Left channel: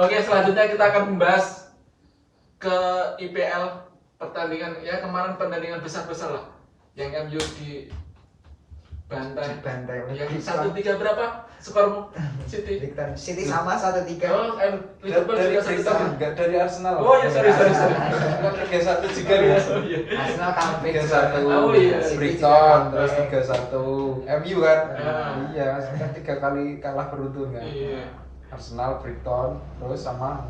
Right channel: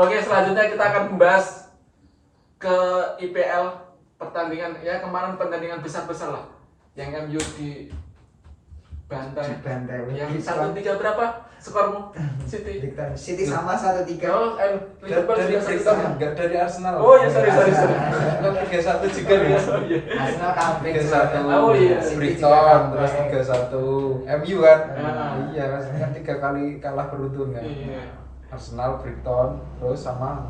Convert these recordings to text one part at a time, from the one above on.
Oke, selanjutnya kita akan membahas ke IPL pertandingan ya kemarin pertandingan besar-besar lah yang MU di bantai yang 1-3 berapa skormu City? City sama 1-3. Oh, Liverpool Dari juga 1-1. Brighton, enggak dari Arsenal. Oh iya, sorry. Kan 3-1 juga ya. Oh iya. Arsenal comeback 3-1. Oh iya. Brighton terus 3-1. MU kan? Ah. Iya, kan 3 kali kalah beruntun kan. Iya. Arsenal, Brighton, terus sama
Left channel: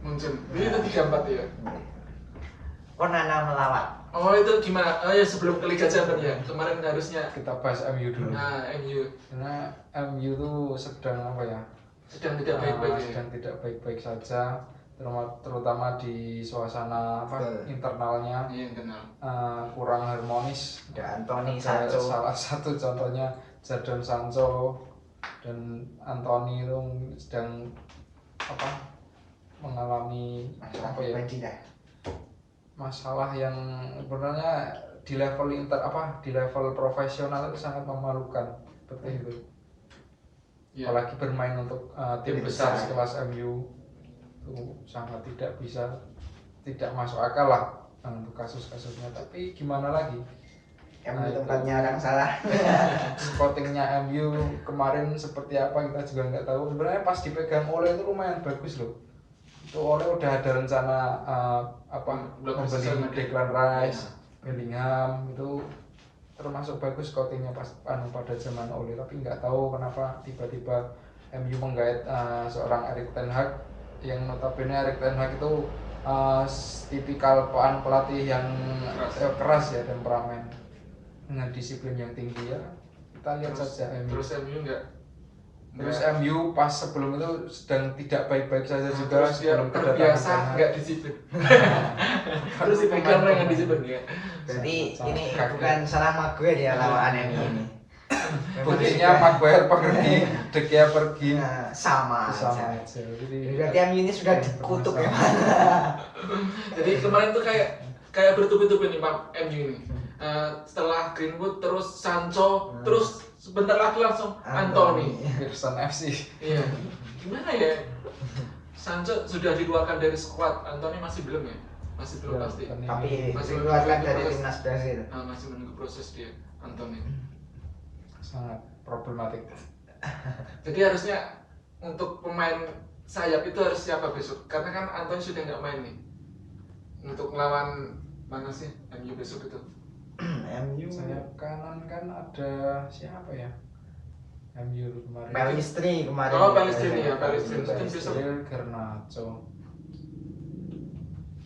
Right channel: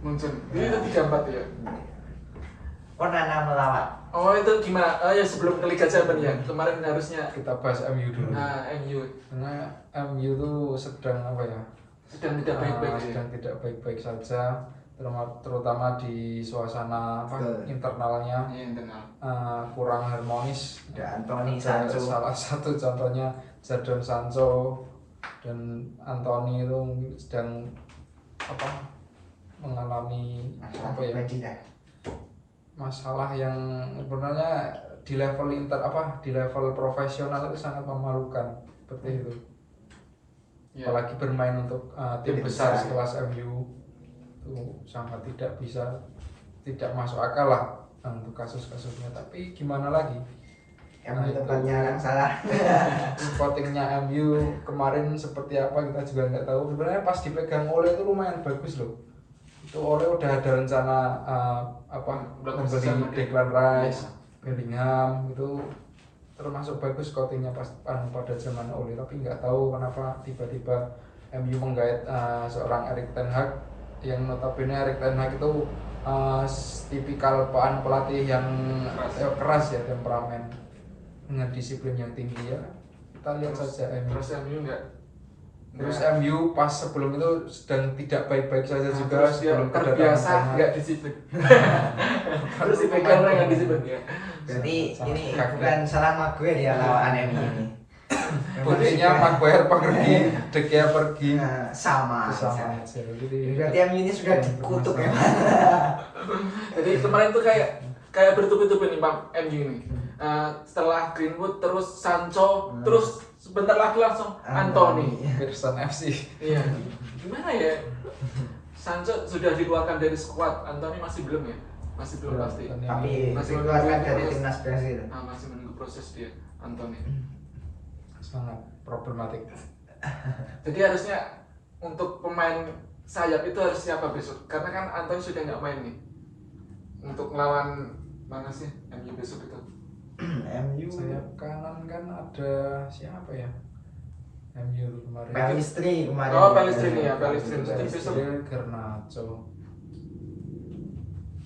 Munchen. Ini itu 3-4 ya. Onana melawat. Oh itu gimana? Oh ya sebelum ke Liga Champions ya. Kemarin harusnya kita bahas MU dulu. nah MU Karena MU tuh sedang apa ya? sedang tidak baik-baik ya. Sedang tidak baik-baik saja, terutama di suasana apa Betul. internalnya Iya internal. kurang harmonis. Dan Anthony Ada Sancho. salah satu contohnya Jadon Sancho dan Anthony itu sedang apa mengalami apa ya masalah yang sebenarnya di level di level profesional itu sangat memalukan seperti itu. Ya. Apalagi bermain untuk tim Tim besar besar. sekelas MU itu sangat tidak masuk akal lah untuk kasus-kasusnya. Tapi gimana lagi? MU tempatnya orang salah. Scoutingnya MU kemarin seperti apa kita juga nggak tahu. Sebenarnya pas dipegang Ole itu lumayan bagus loh. Itu Ole udah ada rencana membeli Declan Rice, Bellingham itu termasuk bagus scoutingnya pada zaman Ole. Tapi nggak tahu kenapa tiba-tiba MU menggait seorang Erik ten Hag yang notabene Erik ten Hag itu tipikal pelatih yang keras ya, temperamen dengan disiplin yang tinggi ya. Kita lihat saja MU. Terus MU Terus MU pas sebelum itu sedang tidak baik-baik saja juga terus dia sebelum kedatangan terbiasa Ten Hag. nggak disiplin. Terus dipegang orang yang disiplin ya. Berarti Sangat ini kaget. bukan salah Maguire ya lawan MU ini. Buktinya Maguire pergi, De Gea pergi. Nah, sama. Sama aja. Jadi Berarti MU ini sudah dikutuk ya. Jadi kemarin tuh kayak bertubi-tubi nih Pak MU ini. Setelah Greenwood terus Sancho terus sebentar lagi langsung Anthony. Pearson FC. Iya. Gimana ya? Sancho sudah dikeluarkan dari skuad, Anthony masih belum ya? Masih belum pasti. Tapi Masih dikeluarkan menunggu dari proses. timnas Brazil. Masih menunggu proses dia, Anthony. Sangat problematik. Jadi harusnya untuk pemain sayap itu harus siapa besok? Karena kan Anthony sudah nggak main nih. Untuk melawan mana sih MU besok itu? MU Sayap kanan kan ada siapa ya? MU kemarin. Pelistri kemarin. Oh, Pelistri nih ya, Pelistri. Mungkin besok. Garnacho.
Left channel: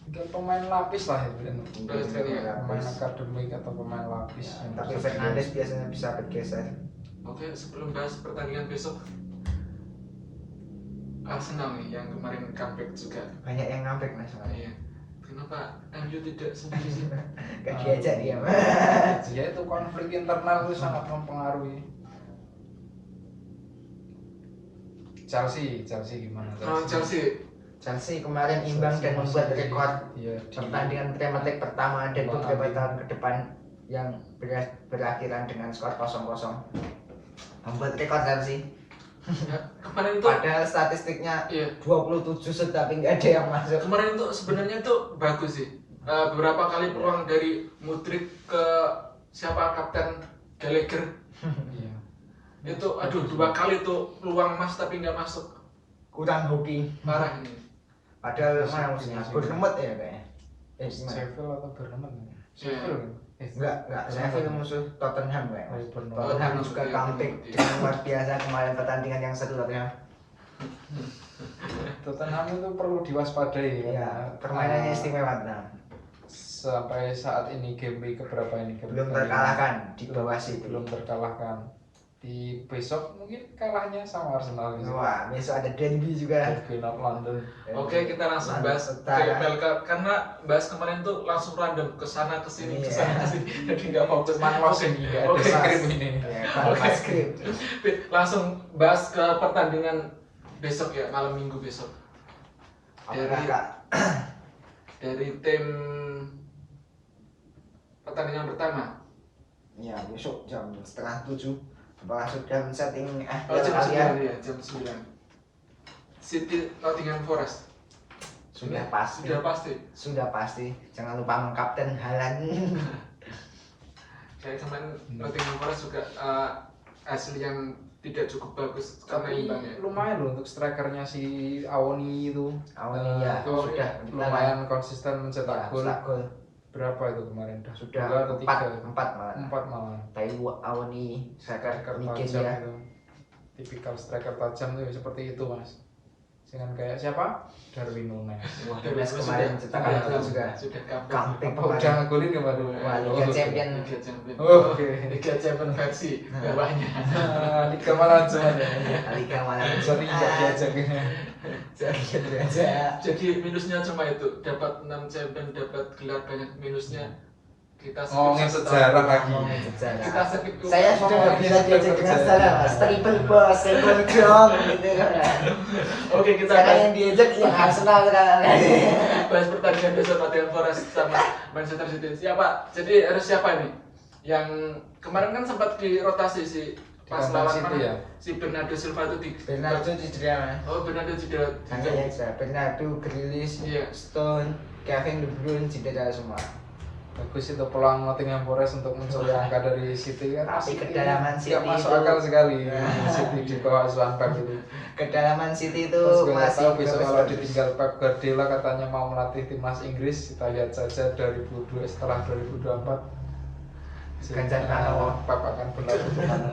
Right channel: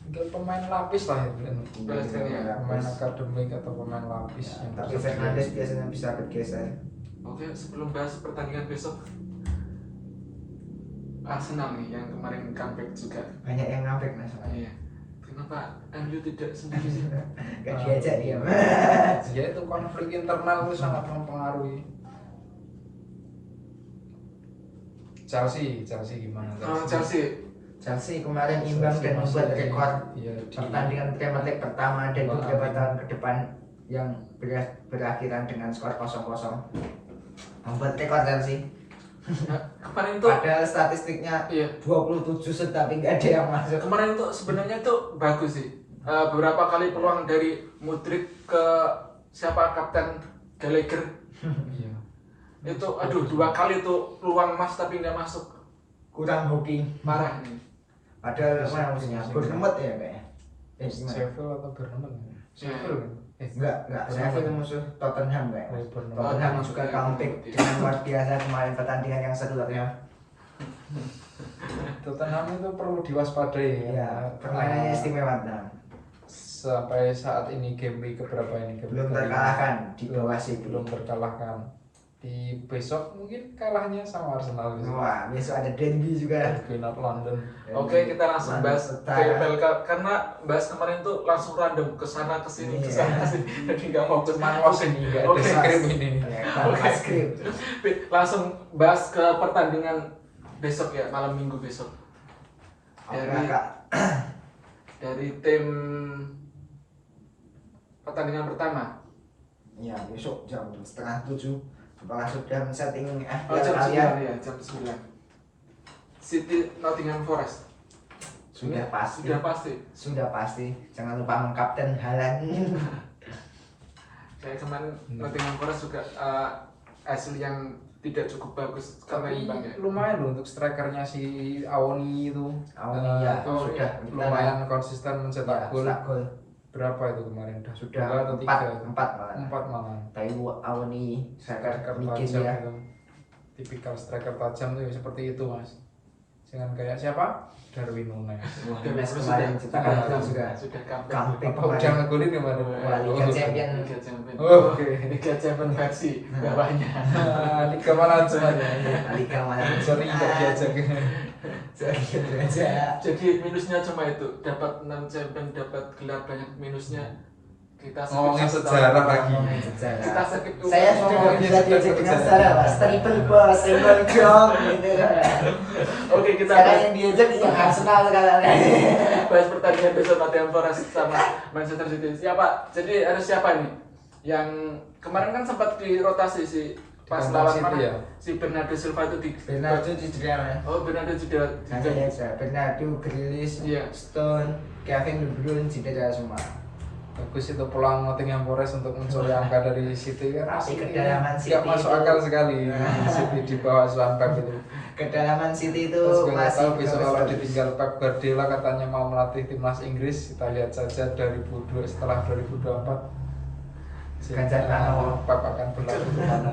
Tinggal pemain lapis lah itu kan. Pelistri ya. Pemain akademik atau pemain lapis yang Tapi tersedia. Fernandes biasanya bisa bergeser. Oke, sebelum bahas pertandingan besok, Arsenal nih yang kemarin comeback juga. Banyak yang ngambek mas. Iya. Kenapa MU tidak sendiri sih? Gak diajak dia. Ya itu konflik internal itu sangat mempengaruhi. Chelsea gimana? Chelsea Kemarin imbang dan membuat rekor iya, pertandingan Premier League pertama dan beberapa tahun ke depan yang berakhiran dengan skor 0-0. Membuat rekor Chelsea. kemarin itu Padahal statistiknya iya. 27 set tapi nggak ada yang masuk. Kemarin itu sebenarnya itu bagus sih. Beberapa kali peluang dari Mudryk ke siapa kapten Gallagher. Iya. Itu aduh 2 kali tuh peluang emas tapi nggak masuk. Kurang hoki. Parah ini. Padahal mana musuhnya? Bournemouth ya kayaknya. Gimana? Sheffield atau Bournemouth? Sheffield kan? Enggak. Sheffield musuh Tottenham kayak. Oh, Bournemouth. Tottenham Oh, juga iya. comeback dengan luar biasa kemarin pertandingan yang seru Tottenham. Tottenham itu perlu diwaspadai Ya, permainannya istimewa Tottenham. Sampai saat ini game week keberapa ini? Game Belum kelima. terkalahkan di bawah City. Belum terkalahkan. Di besok mungkin kalahnya sama Arsenal gitu. Wah, besok ada derby juga. Derby North London. Oke, kita langsung London bahas Utara. ke IPL karena bahas kemarin tuh langsung random ke sana ke sini ke Iya. sana ke sini. Jadi nggak fokus. Cuman los ini nggak ada Oke. skrip ini. Ya, tanpa skrip. Langsung bahas ke pertandingan besok ya, malam Minggu besok. Apakah Kak? Dari tim pertandingan pertama. Ya, besok jam 6:30. Apakah sudah men-setting Oh, jam 9 kalian? ya, jam 9. City Nottingham Forest. Sudah Ini pasti. Sudah pasti. Jangan lupa mengkapten Haaland. Kayak kemarin Nottingham Forest juga hasil yang tidak cukup bagus karena Tapi imbang ya. lumayan loh untuk strikernya si Awoni itu. Awoni, ya, itu sudah lumayan konsisten mencetak gol. Gol. Berapa itu kemarin? Sudah Dua atau 3? 4 malah. 4 malah. Tapi Awoni striker Striker bikin tajam ya. itu. Tipikal striker tajam tuh seperti itu mas. Jangan kayak siapa? Darwin Nunes. Wah, Darwin Nunes Nunes kemarin sudah- cetak sudah- gol juga. Sudah Comeback Apa udah ngegolin kemarin? Wah, Liga Champion. Liga Champion. Oke. Liga Champion versi bawahnya. Liga mana semuanya? Liga mana? Sorry nggak diajak. Sorry aja. Jadi minusnya cuma itu, dapat 6 champion, dapat gelar banyak, minusnya kita skip Ngomongin satu sejarah tahun. lagi. Ngomongin sejarah. Kita skip. Saya sudah nggak bisa diajak dengan sejarah mas. Triple boss, single dong gitu. Oke, kita Sekarang bahas, yang diajak yang Arsenal sekarang. bahas pertandingan besok Nottingham Forest sama Manchester City. Siapa? Jadi harus siapa nih? Yang kemarin kan sempat dirotasi si pas Kandang lawan City mana? ya? Si Bernardo Silva itu di Bernardo cedera mas. Oh, Bernardo cedera. Hanya aja. Bernardo, Grealish, Iya. Stone, Kevin De Bruyne cedera semua. Bagus itu peluang Nottingham Forest untuk mencuri angka dari City kan. Tapi City kedalaman nggak City masuk itu- akal sekali. City di bawah asuhan Pep itu. Kedalaman City itu Terus juga nggak masih tahu besok kalau bagus. ditinggal Pep Guardiola katanya mau melatih timnas Inggris. Kita lihat saja 2002 setelah 2024. Ganjar Pranowo. Pep akan berlatih kemana?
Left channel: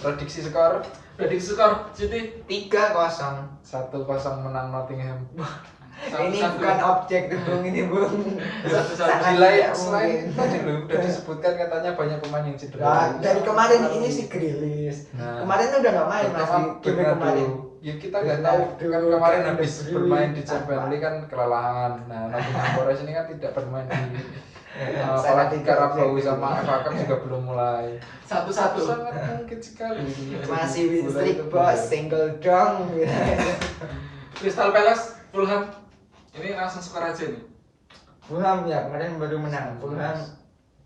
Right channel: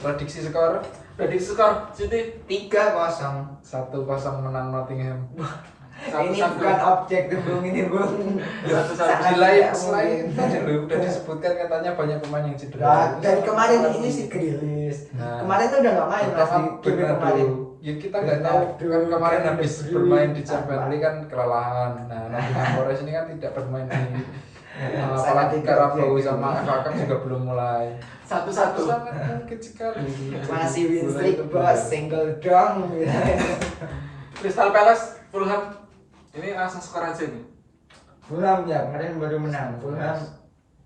Prediksi skor Prediksi skor City 3-0. 1-0 menang Nottingham. Ini 1-1. bukan objek bung, ini bung. 1-1. Sangat Selain tidak selain mungkin. tadi lu udah disebutkan katanya banyak pemain yang Nah, cedera. dari kemarin ini si Grealish. Nah. Kemarin tuh udah nggak main mas Terutama di game Bernardo. kemarin. Ya kita nggak tahu kan kemarin Bernardo, habis Kevin De bermain di Bruyne, Champions League kan kelelahan. Nah, Nottingham Forest ini kan tidak bermain di Sangat apalagi tidak Carabao objektif. sama FA Cup juga belum mulai. 1-1. Sangat mungkin sekali. Masih win Bola streak itu bos, benar. single dong. Crystal Palace, Fulham. Ini langsung skor aja nih. Fulham ya kemarin baru menang. Fulham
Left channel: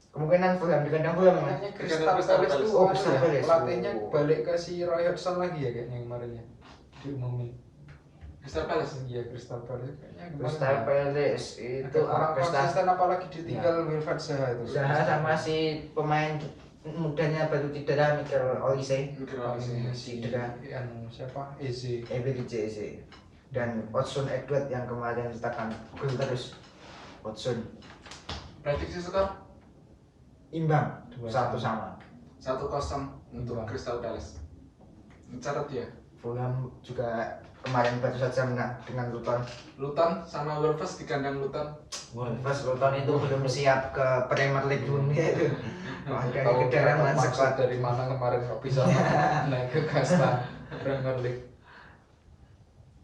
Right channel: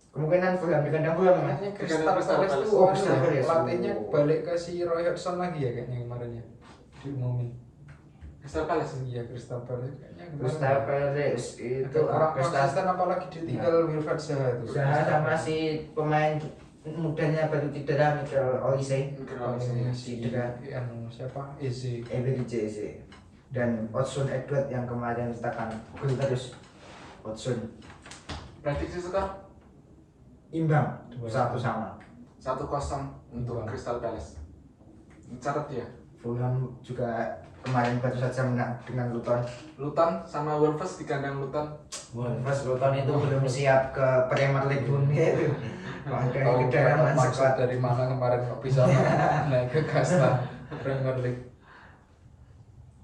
kemungkinan Fulham di kandang Fulham ya. Kayaknya Crystal Crystal Palace Palace. tuh Oh, anu Crystal ya, Palace. pelatihnya balik ke si Roy Hodgson lagi ya kayaknya kemarin ya diumumin. Crystal Palace. Iya Crystal Palace kayaknya kemarin. Crystal ya. Palace Itu itu kurang Crystal konsisten apalagi ditinggal Wilfried Zaha itu. Zaha sama si pemain mudanya baru cedera Mikel Olise. Paling si Cedera. anu siapa? Eze. EBDJC dan Odson Edward yang kemarin cetakkan gol terus. Odson Prediksi skor imbang 2-1. 1-1. 1-0 untuk Imbang. Crystal Palace. Catat ya. Fulham juga kemarin baru saja menang dengan Luton. Luton sama Wolves di kandang Luton. Wolves Luton itu belum siap ke Premier League dunia itu. Dari Tahu kedalaman maksud squad. dari mana kemarin kok bisa naik ke kasta Premier League.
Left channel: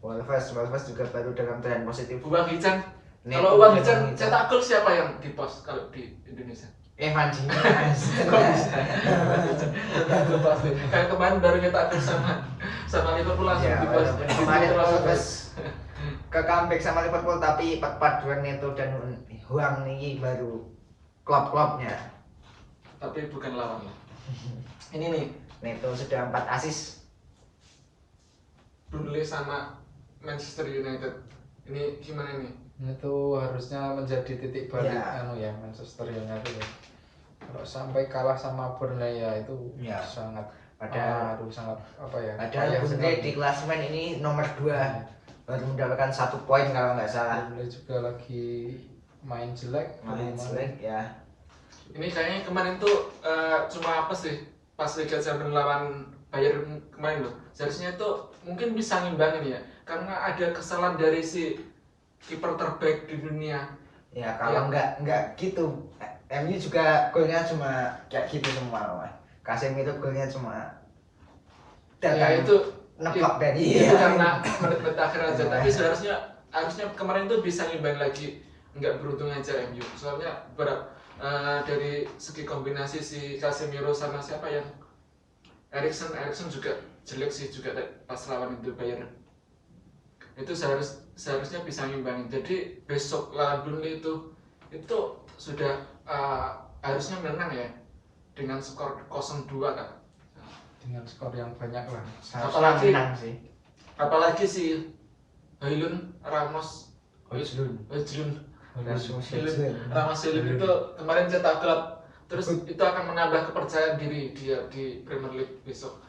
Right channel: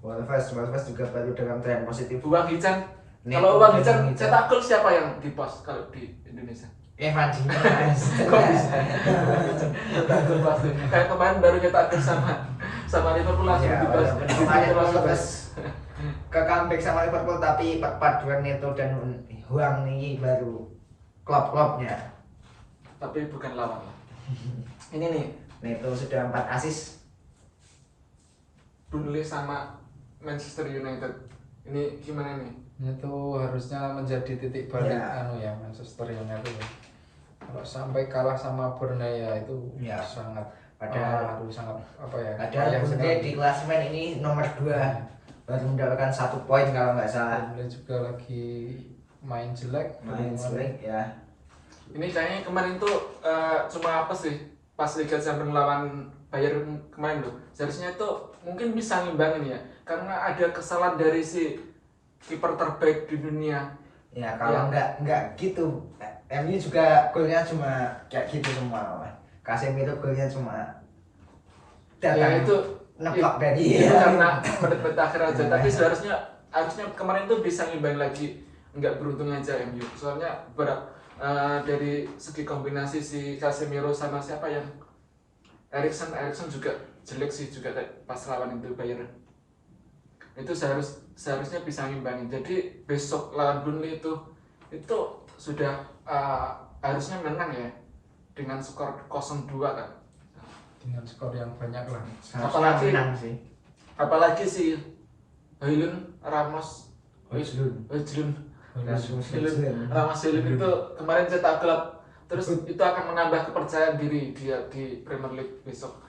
Wolves juga baru dalam tren positif. Uang Hican. Neto, Kalau Uang Hican Uang Hican. cetak gol siapa yang di pos kalau di Indonesia? Evan Dimas. Kok bisa? Cetak gol pasti. Kayak kemarin baru nyetak gol sama Liverpool langsung Ya, di pos. walaupun kemarin Terus- Wolves ke comeback sama Liverpool tapi perpaduan Neto dan Huang ini baru klub-klubnya. Tapi bukan lawan lah. Ini nih Neto sudah 4 assist. Burnley sama Manchester United. Ini gimana nih? Itu harusnya menjadi titik balik Ya. anu ya Manchester United ya. Kalau sampai kalah sama Burnley ya itu Ya. sangat Padahal- aduh, sangat apa ya? Padahal payah Burnley sekali. di klasemen ini nomor 2 baru mendapatkan 1 poin kalau nggak salah. Burnley juga lagi main jelek Main kemarin. jelek ya. Ini kayaknya kemarin tuh cuma apa sih? Pas Liga Champions lawan Bayern kemarin loh. Seharusnya itu mungkin bisa ngimbangin ya. Karena ada kesalahan dari si kiper terbaik di dunia. Ya kalau nggak gitu, MU juga golnya cuma kayak gitu semua. Casemiro golnya cuma Ya itu neplok i- dari itu karena menit-menit akhir aja. Ya. Tapi harusnya kemarin tuh bisa ngimbang lagi. Nggak beruntung aja MU. Soalnya dari segi kombinasi si Casemiro sama siapa yang Erikson juga jelek sih juga pas lawan itu Bayern. Itu seharusnya bisa ngimbangin. Jadi besok lawan Burnley itu sudah harusnya menang ya dengan skor 0-2 kan. dengan skor yang banyak lah. Apalagi- menang sih. Apalagi si Højlund Ramos Højlund. Højlund Rasmus Højlund Højlund. Ramos Højlund itu kemarin cetak gol, terus itu akan menambah kepercayaan diri dia di Premier League besok.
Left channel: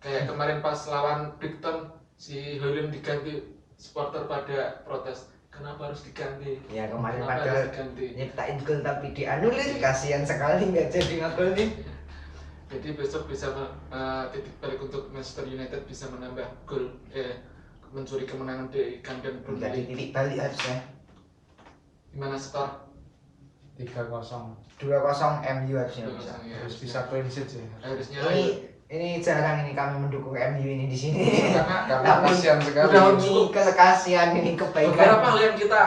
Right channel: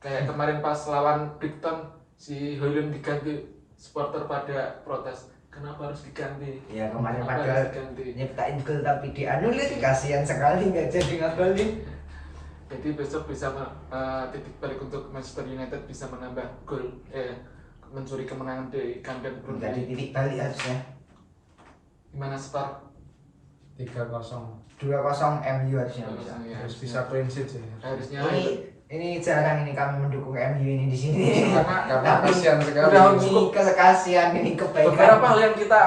Kayak kemarin pas lawan Brighton si Højlund diganti, supporter pada protes, kenapa harus diganti? Ya kemarin Kenapa padahal harus diganti? nyiptain gol tapi dianulir, kasihan sekali nggak jadi ngegolin. Jadi besok bisa titik balik untuk Manchester United, bisa menambah gol, mencuri kemenangan di kandang Premier Jadi League. titik balik harusnya. Gimana skor? 3-0 2-0 MU harusnya bisa. Ya, harus bisa clean sheet sih. harusnya Ini jarang ini kami mendukung MU ini di sini. Karena Tapi kasihan sekali. udah ini kekasihan, ini kebaikan. beberapa hal yang kita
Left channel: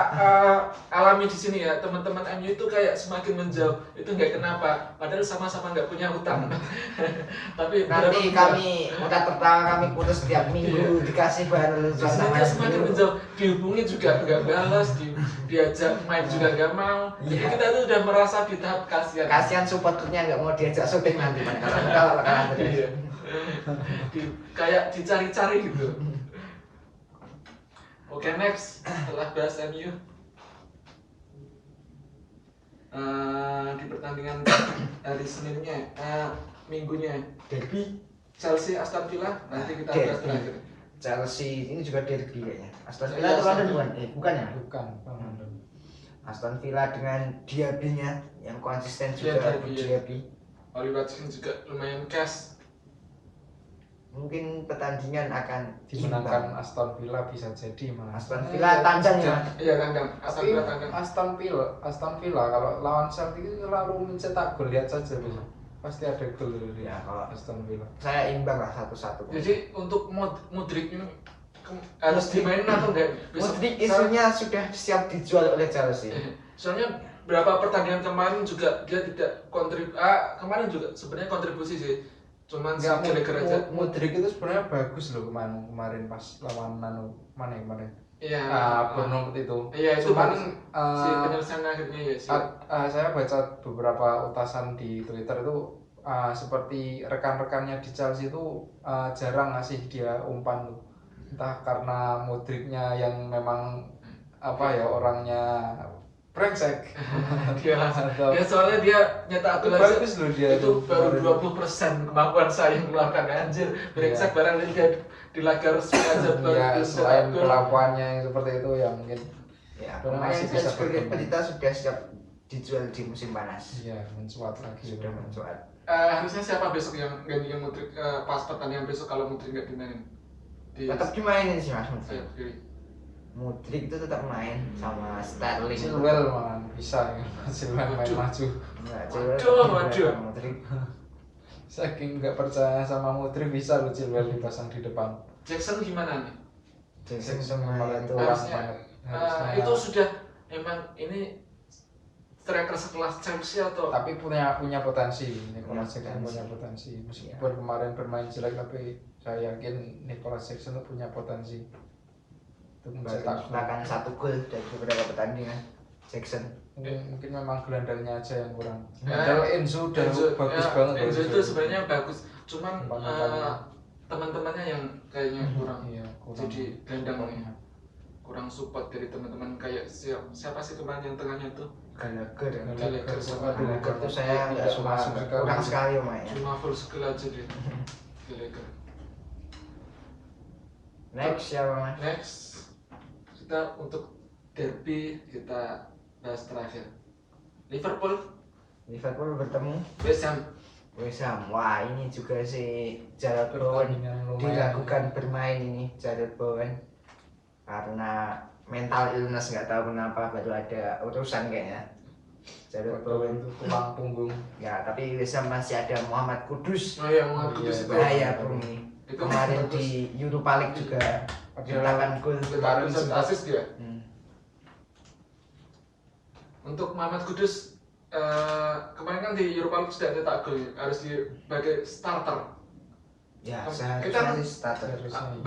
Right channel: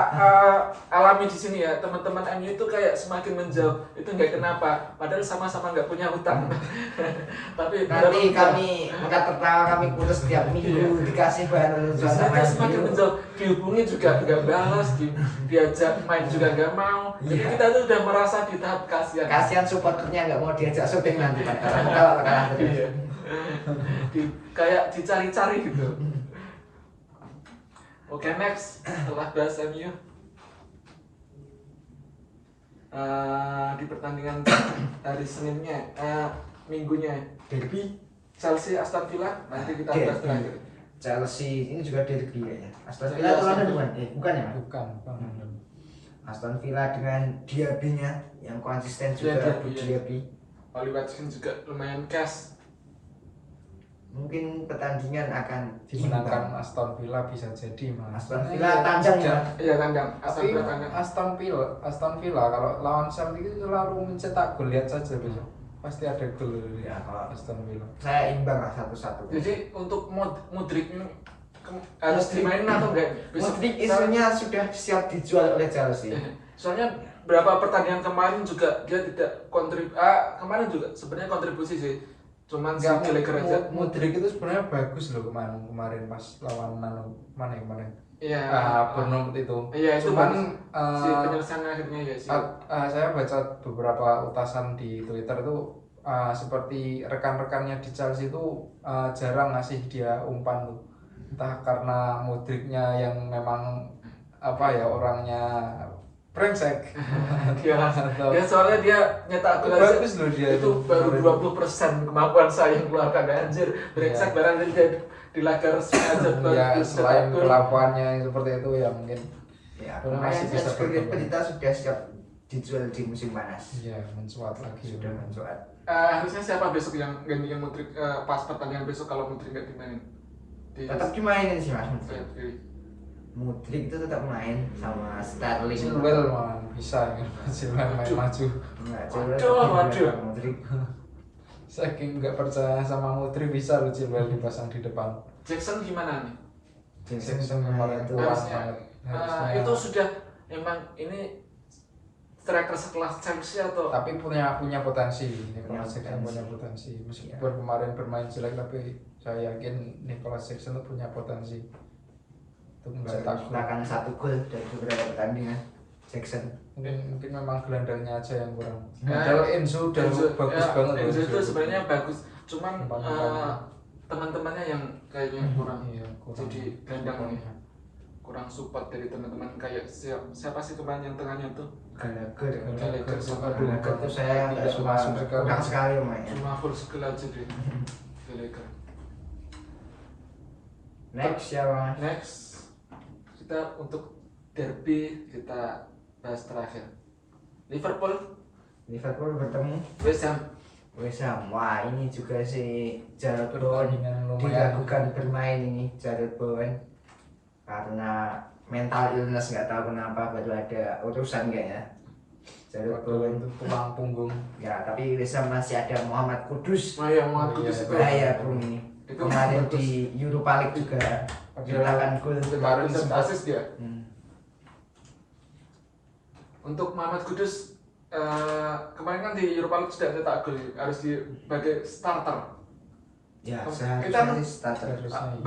alami di sini ya, teman-teman MU itu kayak semakin menjauh, itu nggak kenapa, padahal sama-sama nggak punya hutang. Tapi Nanti beberapa- kami udah pertama kami putus tiap minggu dikasih bahan lucuan sama Terus semakin MU. menjauh, dihubungi juga nggak balas, diajak main juga nggak mau. Jadi Iya. kita itu udah merasa di tahap kasihan. Kasihan supporternya nggak mau diajak syuting nanti kalau kalah terus. Iya. Kayak dicari-cari gitu. Oke, next setelah bahas MU, di pertandingan hari Seninnya, minggunya Derby Chelsea Aston Villa, nanti kita Derby. bahas terakhir. Chelsea ini juga derby kayaknya. Aston Villa Iya, itu London Aston bukan? Bukan ya? Bukan London. Aston Villa dengan Diaby-nya yang konsisten Iya, juga Diaby, di iya. Diaby. Oli Watkins juga lumayan cash. Mungkin pertandingan akan Dimenangkan imbang. Aston Villa bisa jadi mas. Aston Villa tandang ya. Iya kandang, Aston Tapi Villa kandang. Aston Villa kalau lawan Chelsea itu selalu mencetak gol, lihat saja besok. Pasti ada gol dari Ya, kalau Aston Villa. saya imbang lah 1-1. Jadi untuk Mudrik ini harus dimainin atau enggak? Modric isunya sudah siap dijual oleh Chelsea. Soalnya berapa pertandingan kemarin juga dia tidak kemarin juga sebenarnya kontribusi sih. Cuman si Enggak, Gallagher aja. Modric itu sebenarnya bagus loh kemarin pas lawan mana yang kemarin? Iya. Bournemouth itu. Iya, itu Cuman bagus. Si penyelesaian akhirnya ya sih. saya baca beberapa utasan di Twitter itu seperti rekan-rekannya di Chelsea itu jarang ngasih dia umpan tuh. Entah karena Modricnya yang memang orangnya brengsek. Dia soalnya dia nyetak gol aja. Bagus loh dia Itu baru kemarin. 20% kemampuan saya yang keluarkan, anjir. Brengsek Iya. barang dia di laga resmi aja baru Ya bisa selain cetak gol. kelakuannya yang seperti itu ya mungkin Ya, Karena kemarin masih bisa berkembang. Pelita sudah siap dijual di musim panas. ya mencuat lagi. Sudah mencuat. Harusnya siapa besok yang gantikan Mudrik pas pertandingan besok kalau Mudrik nggak dimainin? Tetap dimainin sih Mas Modric. sayap kiri. Modric itu tetap main sama Sterling. Chilwell man bisa ya. Chilwell main Waduh. maju. Enggak, Chilwell Waduh, tetap waduh. dijual Modric. Saking nggak percaya sama Modric bisa loh Chilwell dipasang di depan. Jackson gimana nih? Jackson Jackson sama kemarin itu kurang Harusnya, banget. Harusnya. itu sudah emang ini striker sekelas Chelsea atau Tapi punya potensi. Punya Nicolas Jackson potensi. punya potensi. Meskipun kemarin bermain jelek tapi saya yakin Nicolas Jackson itu punya potensi untuk mencetak baru gol. bahkan 1 gol dari beberapa pertandingan. Jackson. Mungkin memang gelandangnya aja yang kurang. Ya, Padahal Enzo udah bagus banget loh, Enzo itu sebenarnya bagus, cuman Umpan-umpannya. teman-temannya yang kayaknya kurang. Iya, kurang. Jadi gelandang supportnya. kurang support dari teman-teman, kayak siapa sih kemarin yang tengahnya tuh? Gallagher. Gallagher sama Aduh, Gallagher itu saya nggak tidak suka, masuk sekali. kurang sekali mainnya. Cuma full skill aja dia. Gallagher. Next siapa Mas? Next, kita untuk derby kita bahas terakhir. Liverpool bertemu West Ham. West Ham. Wah ini juga si Jarrod Bowen Pertandingan lumayan. diragukan bermain ini Jarrod Bowen karena mental illness, nggak tahu kenapa, baru ada urusan kayaknya. Jarrod Bowen itu tulang punggung. ya, tapi West Ham masih ada Muhammad Kudus. Oh iya, mau Iya, Kudus itu. Bahaya bro ini. Itu Kemarin bagus. di Europa League juga menciptakan gol. Kemarin Kemarin sempat- asis dia. Hmm. Untuk Muhammad Kudus, kemarin kan di Europa League sudah cetak gol, harus sebagai starter. Ya, Kita- seharusnya sih starter. Harusnya iya.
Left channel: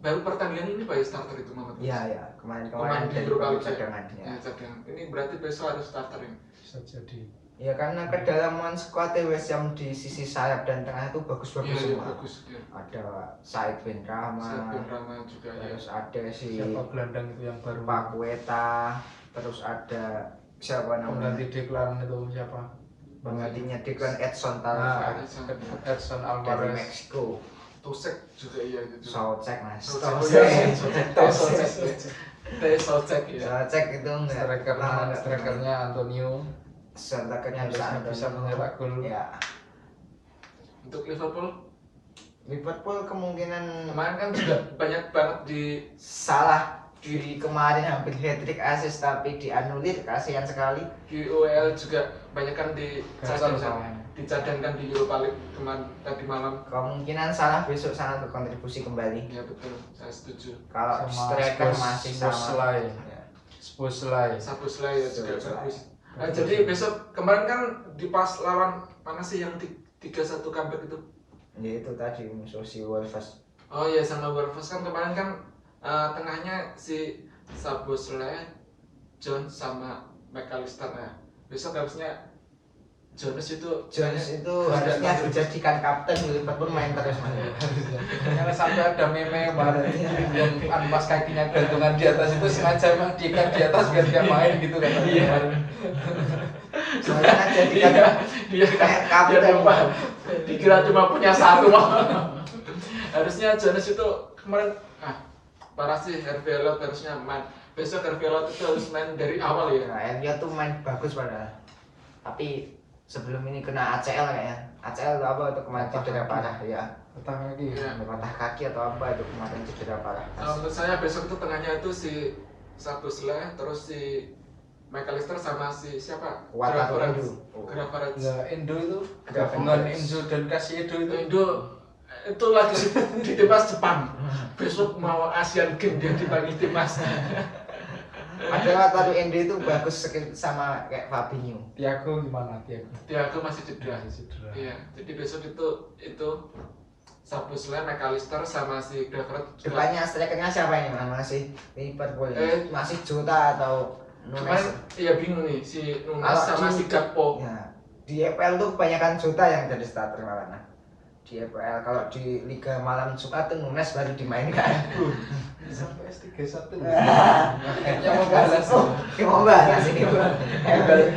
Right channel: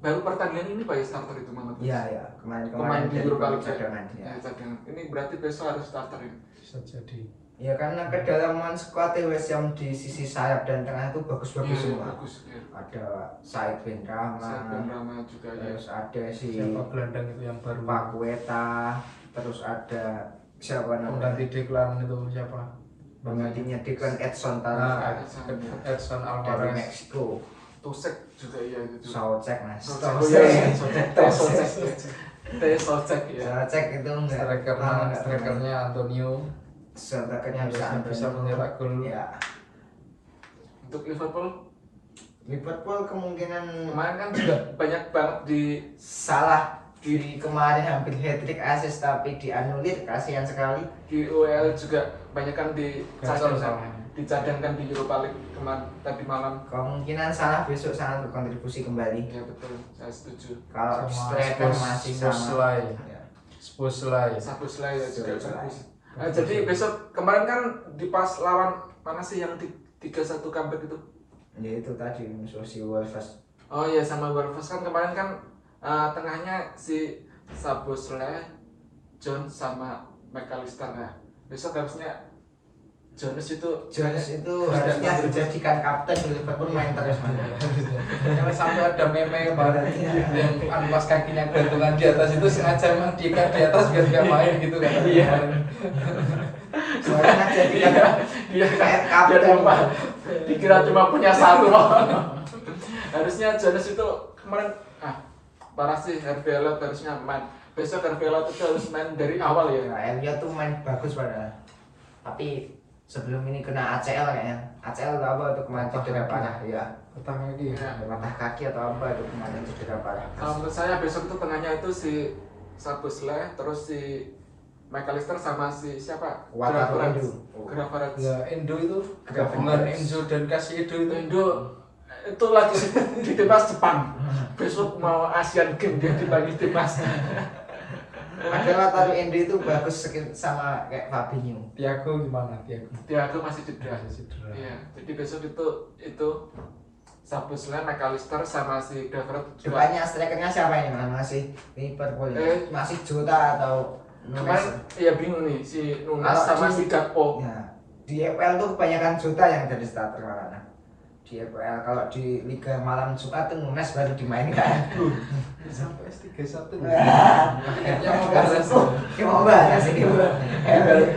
Baru pertandingan ini Pak ya starter itu Muhammad Kudus. Iya ya, kemarin Pemain di dari Europa babak League ya. cadangan ya. Ya, cadangan. Ini berarti besok harus starter ini. Bisa jadi. Ya karena kedalaman squad West Ham di sisi sayap dan tengah itu bagus-bagus Iya, semua. bagus ya. Ada Said bin Rama, Said bin Rama juga ya. terus ada si Siapa gelandang itu yang baru? Paqueta, terus ada siapa namanya? Pengganti Declan itu siapa? Penggantinya Declan Edson Nah, Tavares Edson dari Alvarez. Meksiko. Tusek juga iya itu juga. Soucek mas. Soucek ya. Soucek itu enggak. Strikernya Antonio. Strikernya Bisa mencetak gol. Ya. Untuk Liverpool Liverpool kemungkinan kemarin kan juga banyak banget di salah diri kemarin hampir hat-trick assist tapi dianulir, kasihan sekali. UEL juga banyak kan Gacor sama. dicadangkan di Europa League kemarin tadi malam. Kemungkinan salah besok sangat berkontribusi kembali. Ya betul, saya setuju. Kalau Sama striker masih sama. Szoboszlai. Ya. Szoboszlai. Szoboszlai ya juga Szoboszlai. bagus. Nah, jadi besok kemarin kan di pas lawan mana sih yang 3-1 comeback itu? Ya itu tadi musuh si Wolves. Oh iya sama Wolves kan kemarin kan tengahnya si Szoboszlai, Jones sama McAllister ya. Besok harusnya Jones itu harusnya dijadikan kapten di Liverpool, main terus mas. Jangan sampai ada meme kemarin yang pas kakinya gantungan di atas itu sengaja emang diikat di atas biar dia main gitu katanya. Iya. Kemarin. Soalnya jadikan dia kayak kapten. Dikira cuma punya satu. Harusnya Jones itu kemarin parah sih. Harvey Elliott harusnya main. Besok Harvey Elliott itu harus main dari awal ya. Nah, Elliot tuh main bagus padahal. Tapi sebelum ini kena ACL kayaknya. ACL atau apa itu kemarin Patah cedera kaki. parah ya. Patah kaki. Iya. Patah kaki atau apa itu kemarin cedera parah. Kalau menurut saya besok itu tengahnya itu si Szoboszlai, terus si McAllister sama si siapa? Wataru Endo. Gravenberch. Nah, Endo itu Gravenberch. gabungan Enzo dan Casiedo itu. Indo itu lagi sibuk di timnas Jepang. Besok mau Asian Games dia dipanggil timnas. Padahal Wataru Endo itu bagus sama kayak Fabinho. Thiago gimana Thiago? Thiago masih cedera. Masih cedera. Iya, jadi besok itu Szoboszlai, McAllister sama si Gravenberch juga. Depannya strikernya siapa ini mas? Masih Liverpool ini? Masih Jota atau Kemarin Nunes? iya bingung nih si Nunes Kalau sama di- si Gakpo. Ya. Di EPL tuh kebanyakan Jota yang jadi starter malah. Di EPL kalau di Liga Malam Jumat tuh Nunes baru dimainkan. Sampai S31. Kayaknya mau balas. Kita mau bahas ini bro.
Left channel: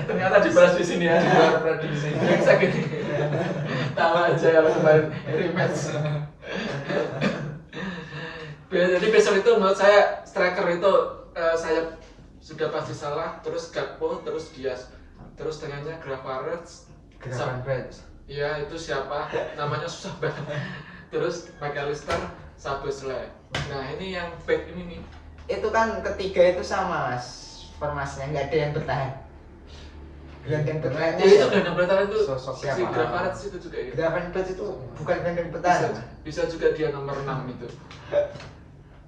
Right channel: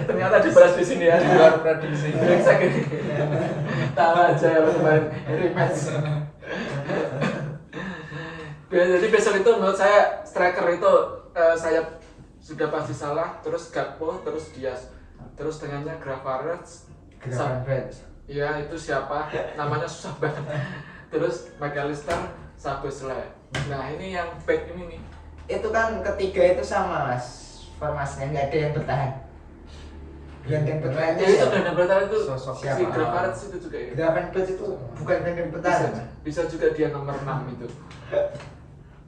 Ternyata dibalas di sini ya. Di luar prediksi. Brengsek ini. Tahu aja kalau kemarin rematch. Jadi besok itu menurut saya striker itu saya sudah pasti salah, terus Gakpo, terus Diaz, terus tengahnya Gravenberch. Gravenberch. Iya itu siapa? Namanya susah banget. Terus McAllister, Szoboszlai. Nah ini yang back ini nih. Itu kan ketiga itu sama mas formasinya, nggak ada yang bertahan. Gelandang bertahan Jadi itu gelandang bertahan itu Sosok si siapa? Gravenberch itu juga ya. Gravenberch itu bukan gelandang bertahan. Bisa, bisa juga dia nomor 6 itu.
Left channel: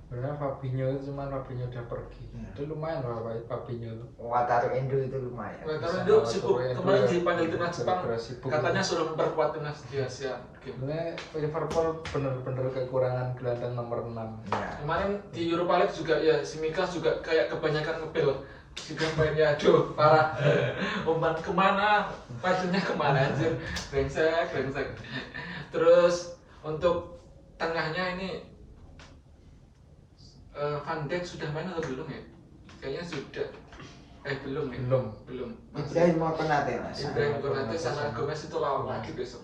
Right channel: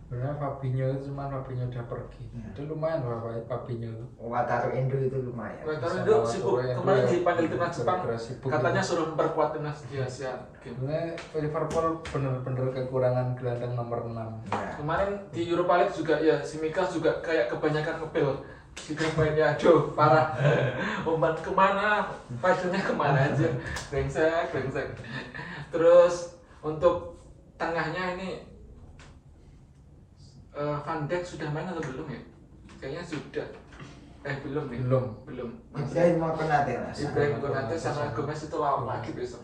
Sebenarnya Fabinho itu cuman Fabinho udah pergi. Ya. Itu lumayan loh Fabinho itu. Wataru Endo itu lumayan. Wataru Bisa Endo bawa sibuk Torre kemarin Endo dipanggil yang timnas Jepang. bergerak sibuk Katanya itu. suruh memperkuat timnas di Asia. Sebenarnya Liverpool bener-bener kekurangan gelandang nomor 6. Ya. Kemarin di Europa League juga ya si Mikas juga kayak kebanyakan ngepil. Si mainnya aduh parah. Umpan kemana? Pajunya kemana anjir? Brengsek. Terus untuk tengahnya ini Van Dijk sudah main atau belum ya? Kayaknya sudah. Belum nih. Belum. Ibrahim mau Konate mas. Ibrahim Konate sama Gomez itu lawan lagi besok.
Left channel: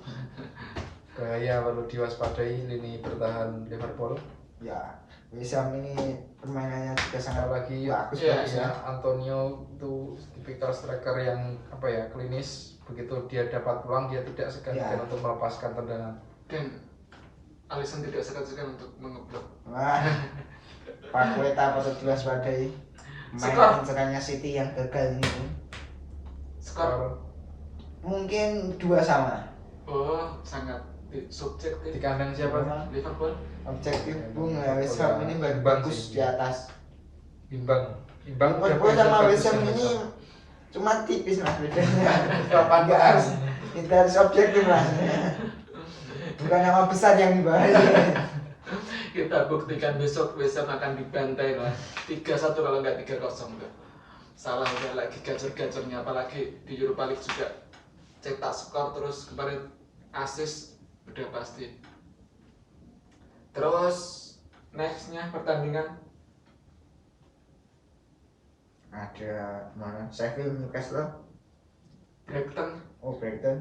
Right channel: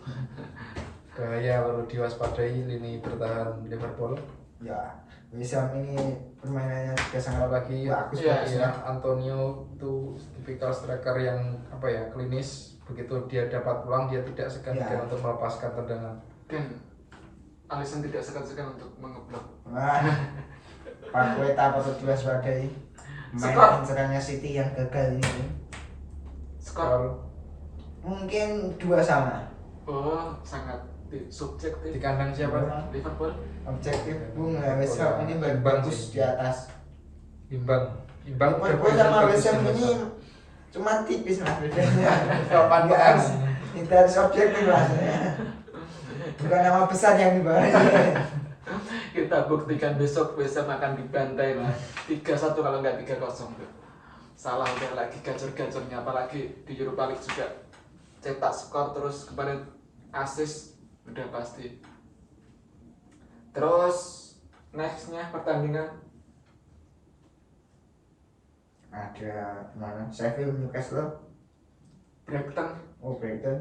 Bahaya perlu diwaspadai lini bertahan Liverpool. Ya, West Ham ini permainannya juga sangat Apalagi bagus. Iya, bagus ya Antonio itu tipikal striker yang apa ya klinis. Begitu dia dapat peluang dia tidak segan-segan Ya. untuk melepaskan tendangan. Dan Alisson tidak segan-segan untuk mengeblok. Wah, Paqueta patut diwaspadai. Skor. Main serangnya City yang gagal ini. Skor Mungkin 2 sama. sangat subjektif. Di kandang siapa? Liverpool Objektif Bung West Ham ini Imbang bagus sih. di atas. Imbang udah Liverpool sama bagus West Ham ya, ini West cuma tipis mas bedanya. Kapan Nggak harus, kita harus objektif mas. Bukan nama besar yang dibahas. kita buktikan besok West Ham akan dibantai lah 3-1 kalau nggak 3-0 tuh. Salah udah lagi gacor-gacornya apalagi di Europa League juga cetak skor terus kemarin assist udah pasti. Terus nextnya pertandingan Ada mana? Sheffield, Newcastle. Brighton Brighton.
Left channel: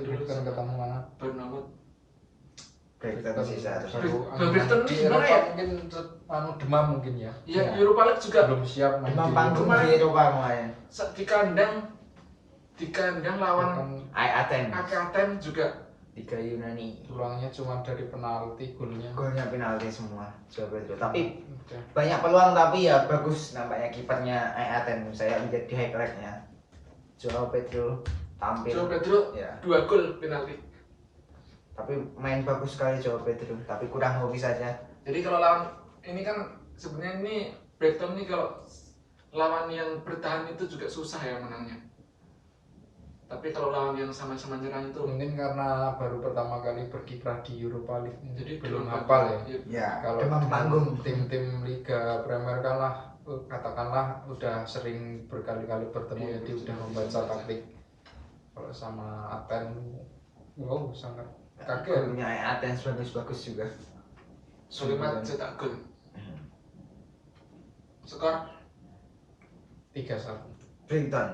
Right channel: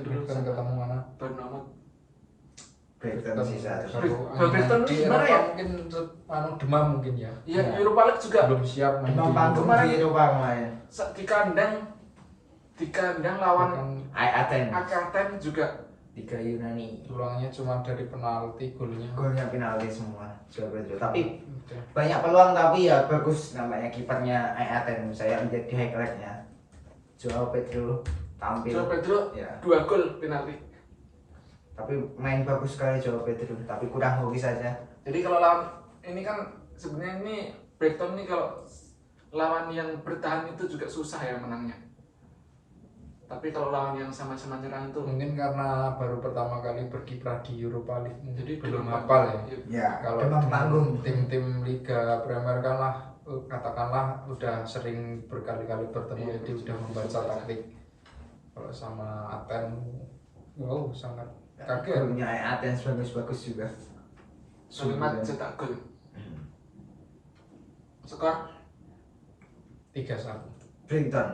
dulu Kan ketemu mana? Bournemouth. Brighton sih seharusnya. Brighton di gimana Eropa ya? mungkin demam mungkin ya. Iya, Iya. Europa League juga Belum siap main Demam di panggung kemarin. di Eropa kemarin. di kandang lawan kan Athens. Athens juga. Tiga Yunani. tulangnya cuma dari penalti golnya. Golnya penalti semua. Coba itu. Tapi Oke. banyak peluang tapi ya bagus nampaknya kipernya Athens. Saya lihat di highlightnya. Joao Pedro tampil. Joao Pedro Ya. 2 gol penalti. Tapi main bagus sekali Joao Pedro. Tapi kurang hoki saja. Jadi kalau lawan ini kan sebenarnya ini Brighton ini kalau lawan yang bertahan itu juga susah ya menangnya. Tapi kalau lawan yang sama-sama nyerang itu Mungkin karena baru pertama kali berkiprah di Europa League, jadi belum demam hafal ya. panggung. Ya. Kalau demam dengan panggung. tim-tim Liga Premier kan lah katakanlah udah sering berkali-kali bertemu, Iya, jadi betul, udah bisa membaca baca. taktik. Kalau sama Aten, wow sangat Ya, kaget. golnya Athens bagus-bagus juga. Solimat cetak gol. Skor 3-1 Brighton.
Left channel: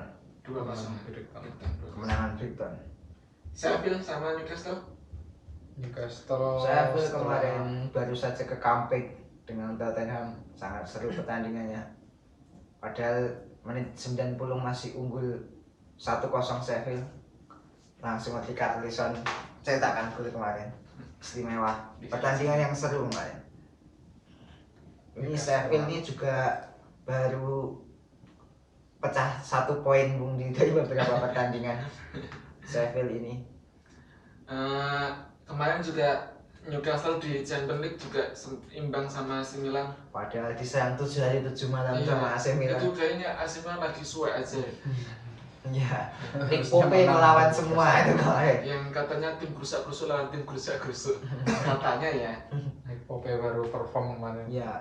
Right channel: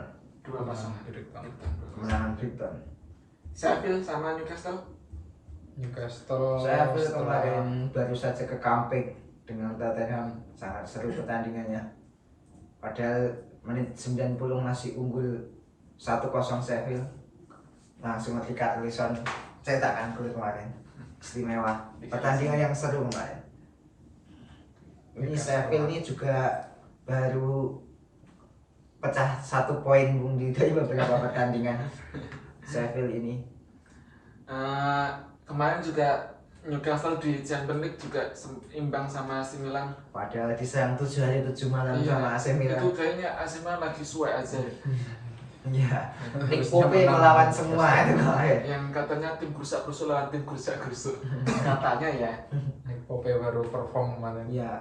2-0. Brighton. Kemenangan Brighton. Sheffield sama Newcastle. Newcastle Sheffield setelah kemarin baru saja ke comeback dengan Tottenham, sangat seru pertandingannya. Padahal menit 90 masih unggul 1-0 Sheffield. Langsung ketika Alisson cetakkan gol kemarin. Istimewa. Pertandingan yang seru kemarin. Ini Sheffield ini juga baru pecah 1 poin Bung di dari beberapa pertandingan. Sheffield ini. Kemarin juga Newcastle di Champions League juga imbang sama AC Milan. Padahal disayang 7 hari 7 malam sama AC Milan. Itu kayaknya AC Milan lagi suwe aja. Iya. Nick Harusnya Pope menang melawan di semua Newcastle. itu kemarin. Yang katanya tim gerusak-gerusuk lawan tim gerusak-gerusuk. Katanya ya. Nick Pope baru perform kemarin. Iya.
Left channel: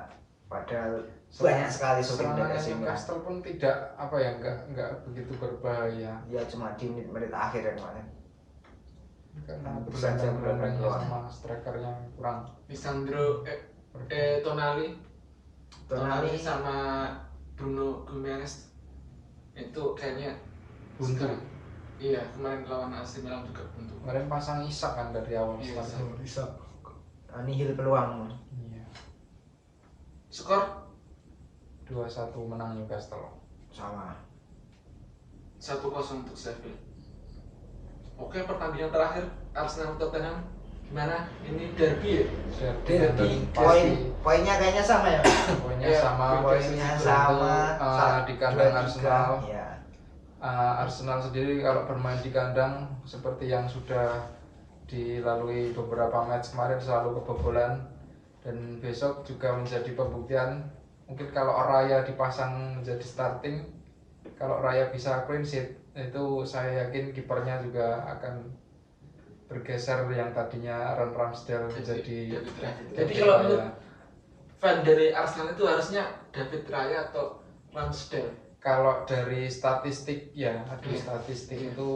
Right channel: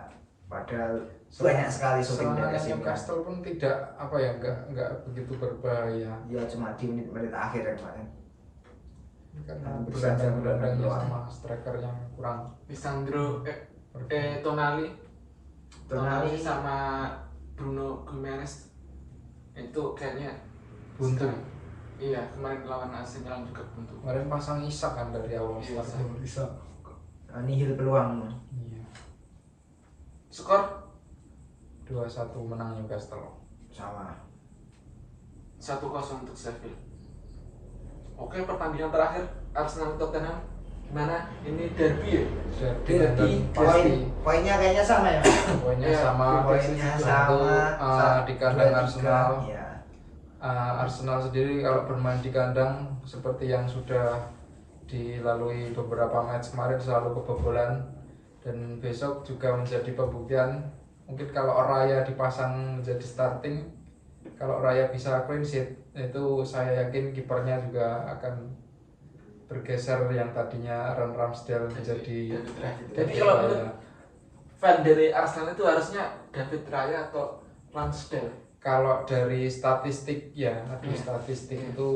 Padahal banyak sekali shooting dari Serangan AC Milan. Newcastle pun tidak apa ya, nggak begitu berbahaya Ya cuma di menit-menit akhir ya kemarin. karena Hampir saja berandang-berandangnya keluar. sama striker yang kurang Lisandro Tonali sama Bruno Guimaraes itu kayaknya buntu. sekarang- Iya, kemarin lawan AC Milan juga buntu. Kemarin pasang Isak kan dari awal Iya, start. Bisa. Nihil peluang. Iya. Skor 2-1 menang Newcastle. Sama. 1-0 untuk Sheffield. Oke, pertandingan terakhir Arsenal Tottenham gimana? Ini derby ya? Dan pasti Poinnya kayaknya sama ya. poinnya Iya, sama. Poinnya Tentu, sama. di kandang 2-3. Arsenal. Iya. Arsenal sendiri kalau bermain di kandang seperti yang sudah dilalui beberapa match kemarin selalu kebobolan, dan besok juga menjadi pembuktian. Mungkin kalau Raya dipasang menjadi starting, kalau Raya bisa clean sheet, itu saya yakin kipernya juga akan bergeser yang tadinya Aaron Ramsdale menjadi David Raya. David Jadi kalau Raya. menurut fan dari Arsenal itu harusnya David Raya atau Ramsdale. Kalau dari statistik ya, Iya. statistik Iya. itu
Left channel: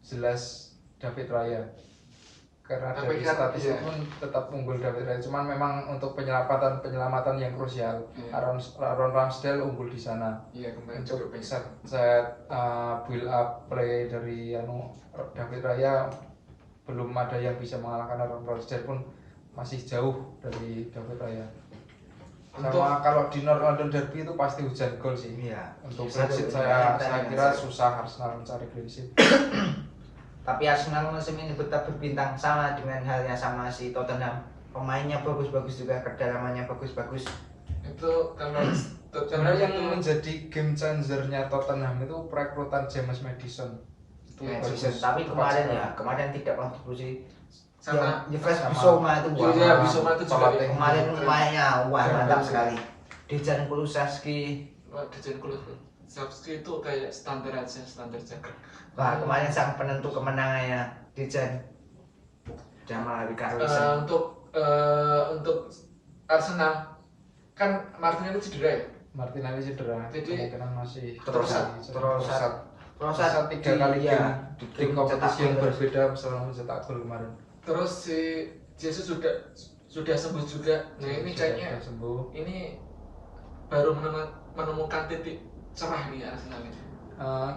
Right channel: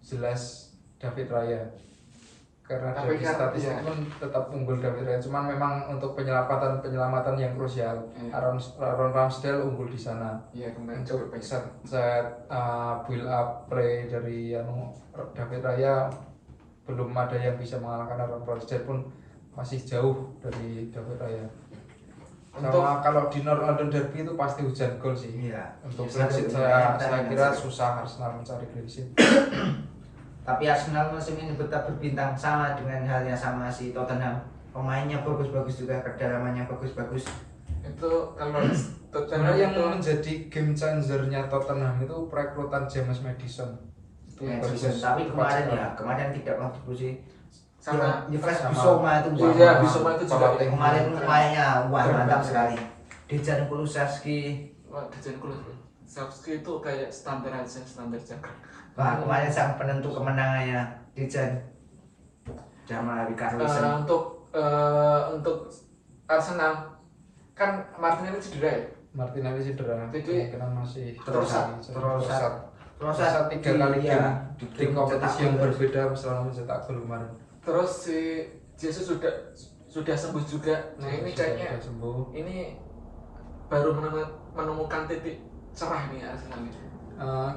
jelas David Raya. Karena Tapi dari kan, statistik iya. pun tetap unggul David Raya. Cuman memang untuk penyelamatan yang krusial, Iya. Aaron Ramsdale unggul di sana. Iya, kemarin juga Untuk banyak. set build up play dari David Raya belum ada yang bisa mengalahkan Aaron Ramsdale, pun masih jauh dari David Raya. Sama kalau di North London Derby itu pasti hujan gol sih. Iya. Untuk Iya, clean sheet itu saya pertandingan kira seru. susah Arsenal mencari clean sheet. Tapi Arsenal musim ini tetap berbintang sama dengan halnya sama si Tottenham. Pemainnya bagus-bagus juga, kedalamannya bagus-bagus. Itu kalau Karena Tottenham yang itu menjadi game changernya Tottenham itu perekrutan James Madison. Itu Ya, bagus. tapi Tepat kemarin sekali. ya, kemarin tidak kontribusi. sama Yves sama- Bissouma itu Iya, wah, Bissouma itu juga pelatih. kemarin keren. mainnya wah Keren mantap banget. sekali. Dejan Kulusevski, Wah, Dejan Kulusevski itu kayak standar jaga. wah kemarin sang penentu kemenangannya Dejan sama Richarlison. Untuk Arsenal kan Martinelli cedera ya. Martinelli cedera, Jadi, kemungkinan masih Trossard. Proses Proses 3 kali iya, game di kompetisi yang berbeda selama mencetak gol kemarin. Terus si Jesus sudah sembuh juga. Nah ini kayaknya Sudah sembuh. ini baru menemukan titik cerah nih Arsenal ini.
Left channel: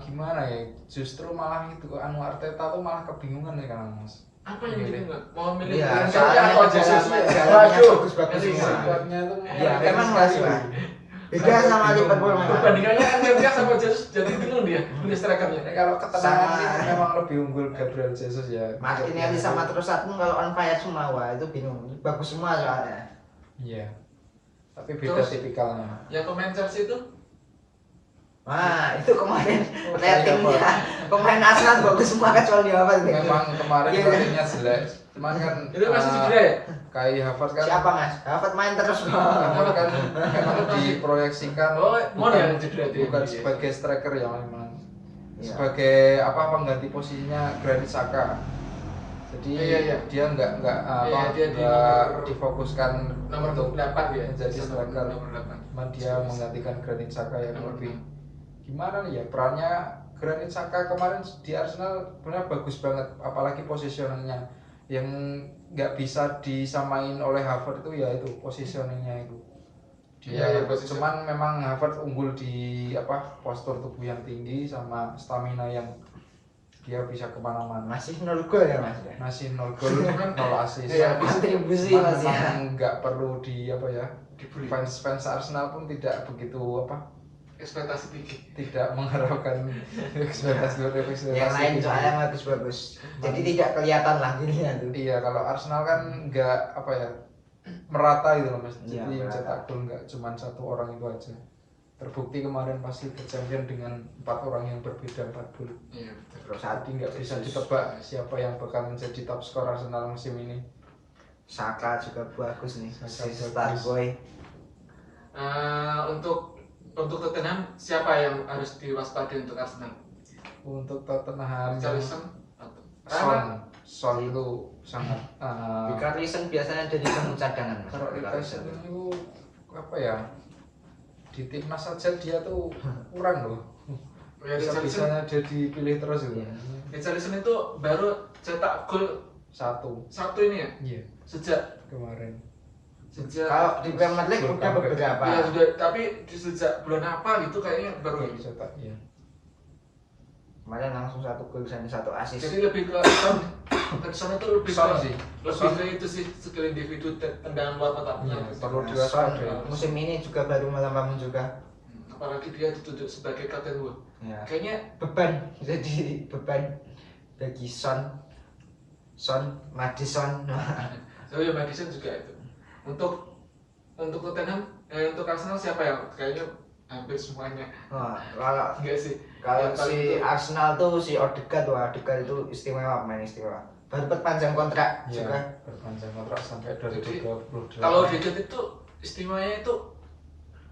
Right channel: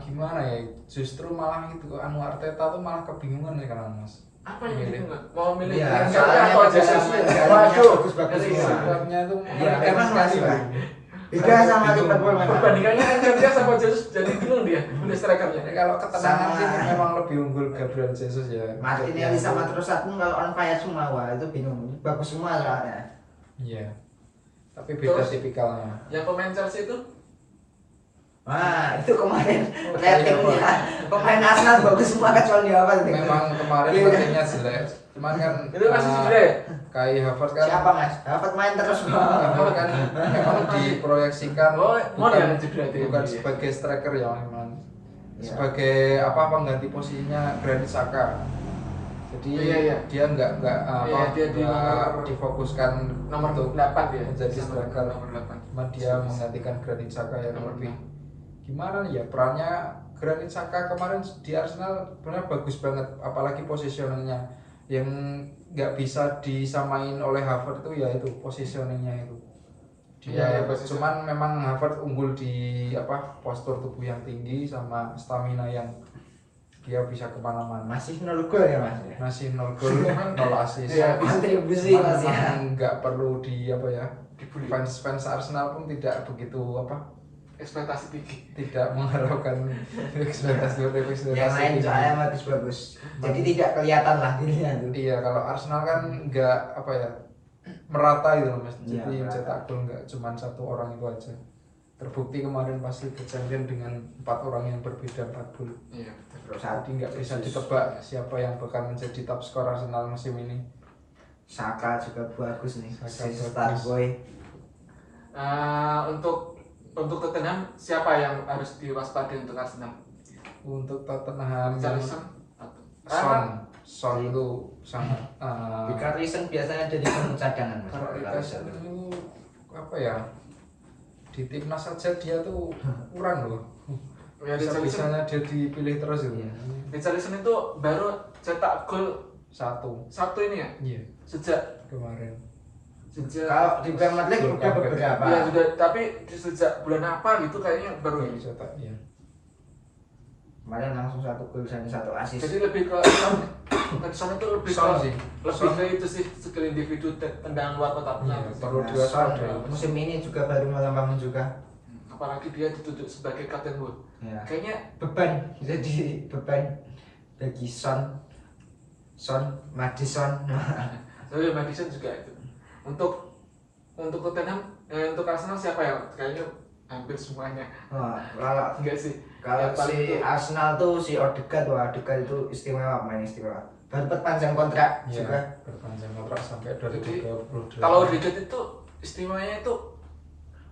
Gimana ya? Justru malah itu Anu Arteta tuh malah kebingungan nih sekarang Mas. Apa yang bingung nggak? Mau milih Iya, Lingard soalnya atau Jesus? jalannya Waduh, bagus-bagus ngeri. semua. Squadnya tuh Iya, mengerikan memang sekali. Mas, Pak. Beda sama Liverpool memang. Perbandingannya Lingard sama Jesus jadi bingung dia milih strikernya. Jadi kalau ketenangan Sama- sih memang lebih unggul Gabriel Jesus ya. Martinelli sama Trossard kalau on fire semua, wah itu bingung. Bagus semua soalnya. Iya. Tapi beda Terus- tipikalnya. Yang pemain Chelsea itu Wah, itu kemarin Oh, ratingnya pemain Arsenal bagus semua kecuali apa itu? Memang kemarin Iya. ratingnya jelek. Cuman kan itu masih eh, cedera ya? Kai Havertz kan Siapa Mas? Dapat main terus kok. Havertz kan memang diproyeksikan Oh, mau bukan, dia cedera dia. bukan Iya. sebagai striker ya memang Iya. sebagai apa pengganti posisinya Granit Xhaka. Jadi Iya. dia nggak Iya, dia di nomor- difokuskan Nomor untuk 8 dia. menjadi Sama striker. Nomor 8. Cuman dia menggantikan Granit Xhaka yang Nomor lebih gimana nih ya perannya Granit Xhaka kemarin di Arsenal benar bagus banget, apalagi positioningnya yang nggak bisa disamain oleh Havertz itu ya itu positioningnya itu dia Iya, position. cuman memang Havertz unggul di postur tubuh yang tinggi sama stamina yang dia bisa kemana-mana. Masih 0 gol ya Mas. Masih 0 gol, 0 assist. Iya, kontribusi Cuman Mas ya. memang nggak perlu Dibully. fans Arsenal pun tidak begitu Ekspektasi tinggi. tidak mengharapkan ekspektasi Yang lain soalnya bagus-bagus. Jadi tidak kelihatan lah dirinya tuh. Iya, kalau Arsenal kan nggak merata gitu loh Mas. Iya, Jadi yang merata. cetak gol nggak cuma satu orang itu aja. Terbukti kemarin pas Liga Champions dengan 4 orang yang berbeda 4 gol. Iya, betul. Terus Jadi nggak bisa ditebak siapa yang bakal menjadi top skor Arsenal musim ini. Saka juga bagus nih. Saka Si bagus. Starboy. Untuk Tottenham siapa yang harus diwaspadai untuk Arsenal? Untuk Tottenham yang Richarlison atau Son itu sangat Richarlison biasanya jadi pemain cadangan Mas. kalau Richarlison itu di timnas saja dia tuh kurang loh. Ya, Richarlison Bisa-bisanya dia dipilih terus itu. Richarlison itu baru cetak gol Satu. ini ya Iya, sejak kemarin. Kalau di Premier League udah beberapa. ya sudah, tapi sejak bulan apa gitu kayaknya baru Baru ini. cetak, iya. Kemarin langsung 1 gol dan 1 assist. Jadi lebih ke Son itu lebih Son ke sih. ke itu sih skill individu tendangan luar kotak Iya, penalti. perlu Nah, diwaspadai. Son musim ini juga baru malam juga. Apalagi dia ditunjuk sebagai kapten Wood. Ya. Kayaknya Beban jadi beban bagi Son Madison. oh ya Madison juga itu. Untuk Tottenham, untuk Arsenal siapa yang kayaknya hampir semuanya Kalau enggak sih? kalau Yang paling si itu- Arsenal tuh si Odegaard itu istimewa, pemain istimewa. Baru perpanjang kontrak juga. Iya, berpanjang kontrak sampai Jadi, 2028. Kalau Odegaard itu istimewanya itu